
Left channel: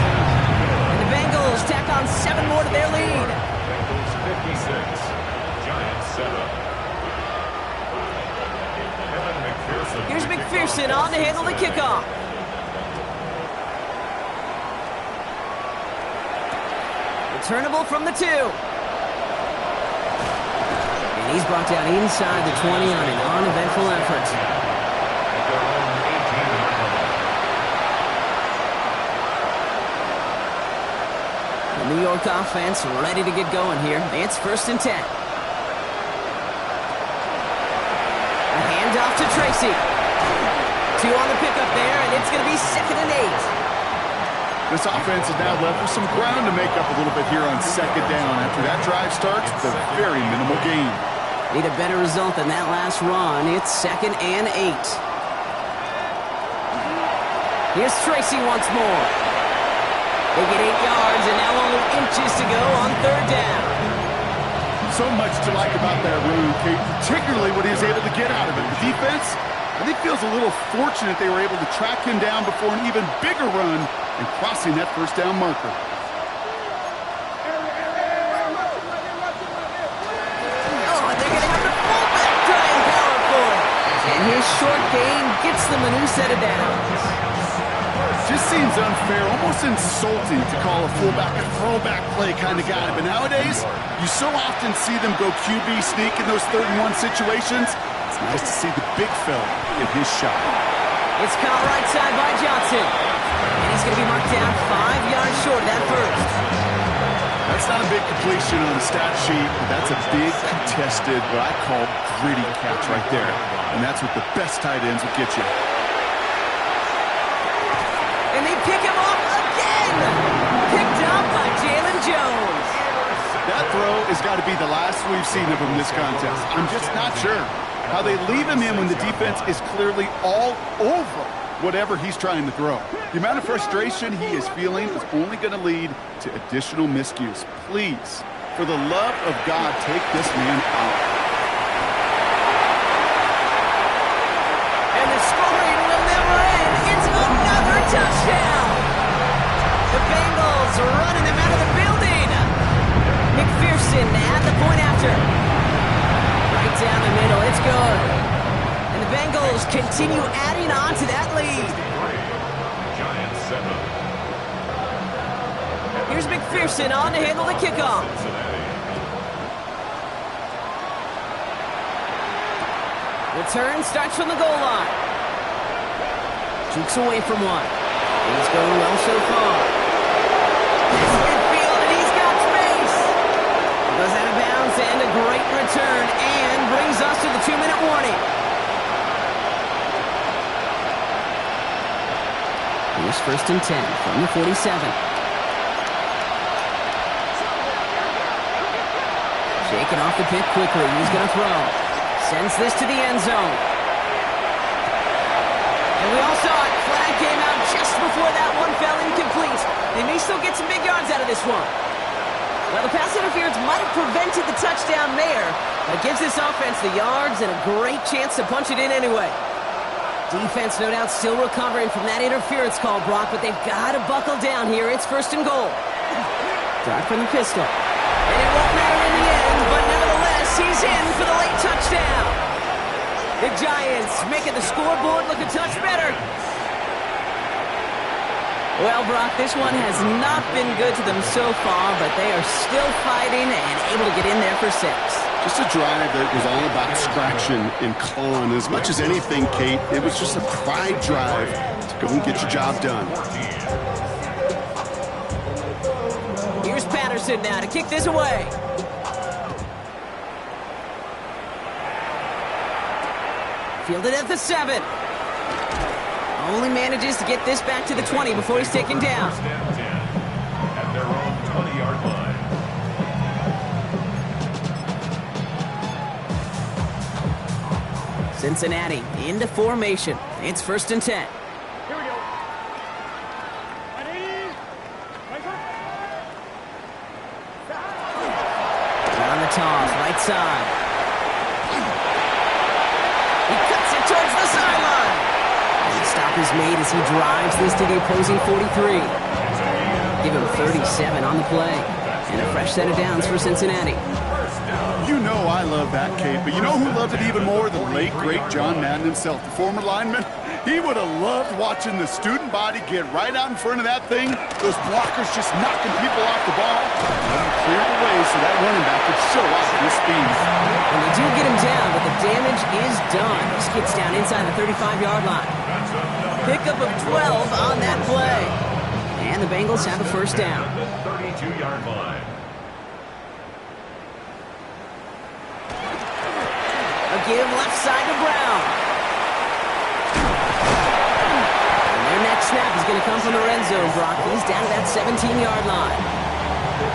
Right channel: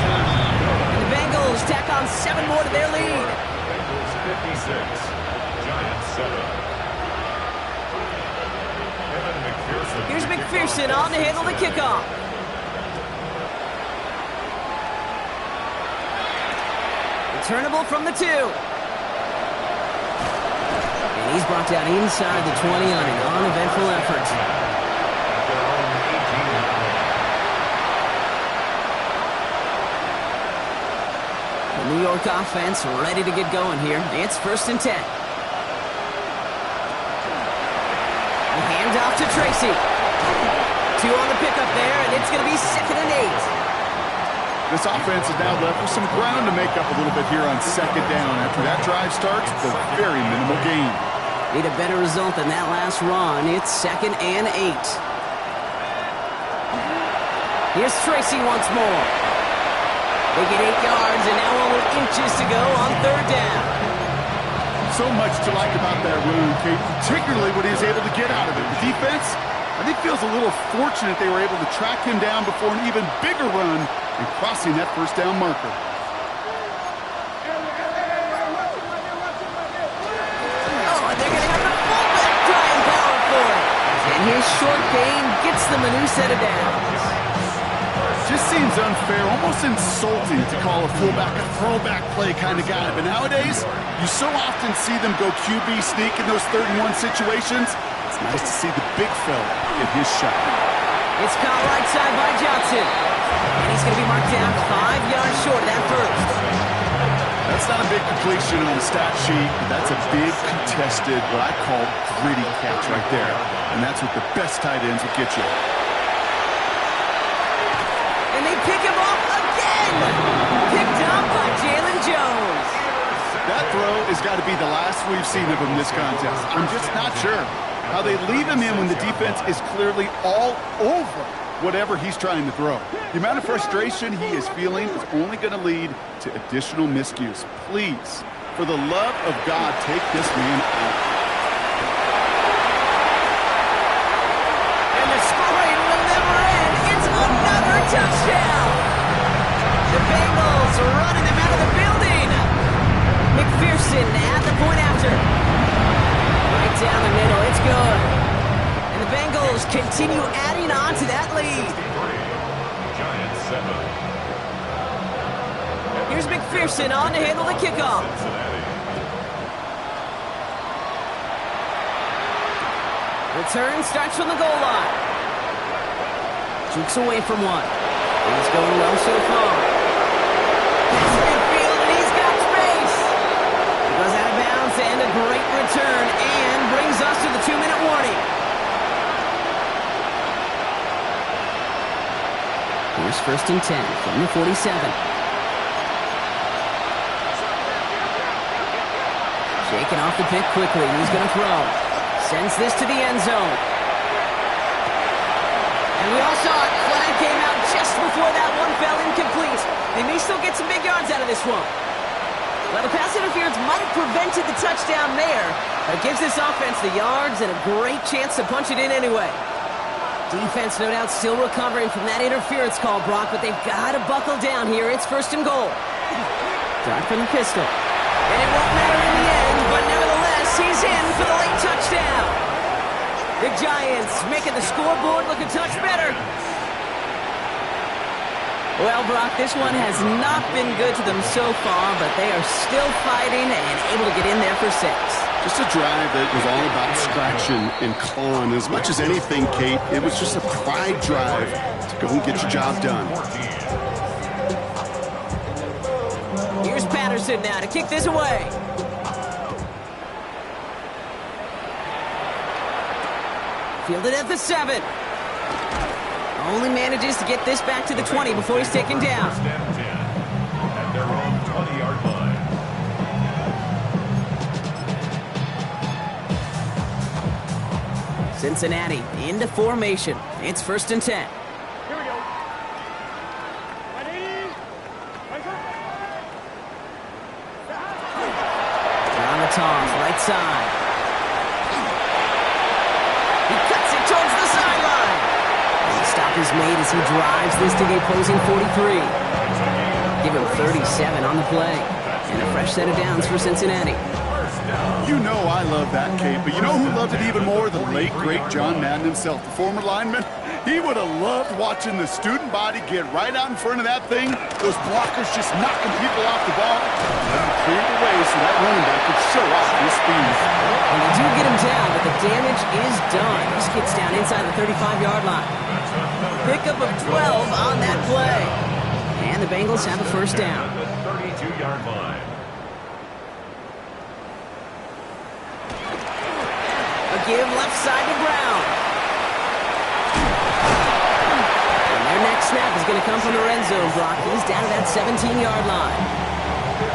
And the Bengals tack on 7 more to their lead. Bengals 56, Giants 7. Here's McPherson on to handle the kickoff. Returnable from the 2. And he's brought down inside the 20 on an uneventful effort. At their own 18-yard line. The New York offense ready to get going here. It's 1st and 10. A handoff to Tracy. 2 on the pickup there, and it's going to be 2nd and 8. This offense is now left with some ground to make up a little bit here on 2nd down. After that drive starts, the very minimal gain. Need a better result than that last run. It's 2nd and 8. Here's Tracy once more. They get 8 yards, and now only inches to go on 3rd down. So much to like about that run, Kate, particularly what he was able to get out of it. The defense, I think, feels a little fortunate they were able to track him down before an even bigger run and crossing that 1st down marker. Oh, and they're going to have the fullback try and power for it. And his short gain gets them a new set of downs. Just seems unfair, almost insulting to call a fullback a throwback play kind of guy. But nowadays, you so often see them go QB sneak in those 3rd and 1 situations. It's nice to see the big fella get his shot. It's caught right side by Johnson. And he's going to be marked down 5 yards short of that first. That's not a big completion on the stat sheet, but that's a big contested, what I call gritty catch right there. And that's what the best tight ends will get you. And they pick him off again. Picked up by Jalen Jones. That throw has got to be the last we've seen of him this contest. I'm just not sure how they leave him in when the defense is clearly all over whatever he's trying to throw. The amount of frustration he is feeling is only going to lead to additional miscues. Please, for the love of God, take this man out. And the scoring will never end. It's another touchdown. The Bengals running them out of the building. McPherson at the point after. Right down the middle. It's good. And the Bengals continue adding on to that lead. Giants 7. Here's McPherson on to handle the kickoff. Return starts from the goal line. Jukes away from one. He's going well so far. It's midfield, and he's got space. He goes out of bounds, and a great return, and brings us to the 2-minute warning. Here's 1st and 10 from the 47. Shaking off the pick quickly. He's going to throw. Sends this to the end zone. And we all saw it. Flag came out just before that one fell incomplete. They may still get some big yards out of this one. Well, the pass interference might have prevented the touchdown there, but it gives this offense the yards and a great chance to punch it in anyway. Defense, no doubt, still recovering from that interference call, Brock, but they've got to buckle down here. It's 1st and goal. Drive from the pistol. And it won't matter in the end, but nevertheless, he's in for the late touchdown. The Giants making the scoreboard look a touch better. Well, Brock, this one has not been good to them so far, but they are still fighting and able to get in there for 6. Just a drive that was all about scratching and clawing. As much as anything, Kate, it was just a pride drive to go and get your job done. Here's Patterson now to kick this away. Fielded at the 7. Only manages to get this back to the 20 before he's taken down. 1st and 10 at their own 20-yard line. Cincinnati into formation. It's 1st and 10. Here we go. Ready? On the toss, right side. He cuts it towards the sideline. And the stop is made as he drives this to the opposing 43. Give him 37 on the play. And a fresh set of downs for Cincinnati. You know I love that, Kate, but you know who loved it even more? The late, great John Madden himself, the former lineman. He would have loved watching the student body get right out in front of that thing, those blockers just knocking people off the ball, let him clear the way so that running back could show off his speed. And they do get him down, but the damage is done. This gets down inside the 35-yard line. Pickup of 12 on that play. And the Bengals have a 1st down. 32-yard line. A give left side to Brown. And their next snap is going to come from the red zone, Brock. He's down to that 17-yard line.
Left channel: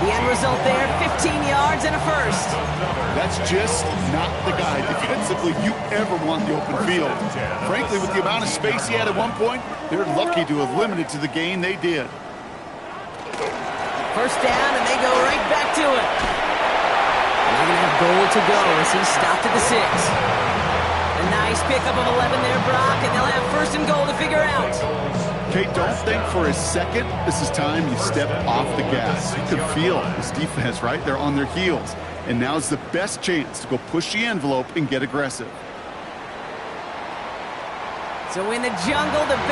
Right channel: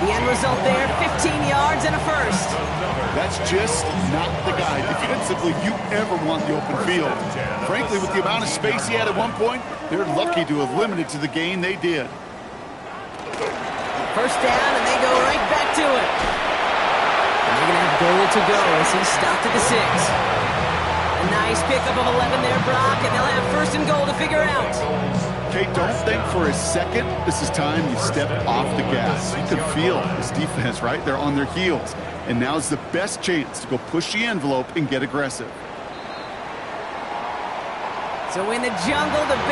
The end result there, 15 yards and a 1st. That's just not the guy defensively you ever want the open field. Frankly, with the amount of space he had at one point, they're lucky to have limited to the gain they did. 1st down, and they go right back to it. And they're going to have goal to go as he's stopped at the 6. A nice pickup of 11 there, Brock, and they'll have 1st and goal to figure out. Kate, don't think for a second this is time you step off the gas. You can feel this defense, right? They're on their heels. And now's the best chance to go push the envelope and get aggressive. So in the jungle, the Bengals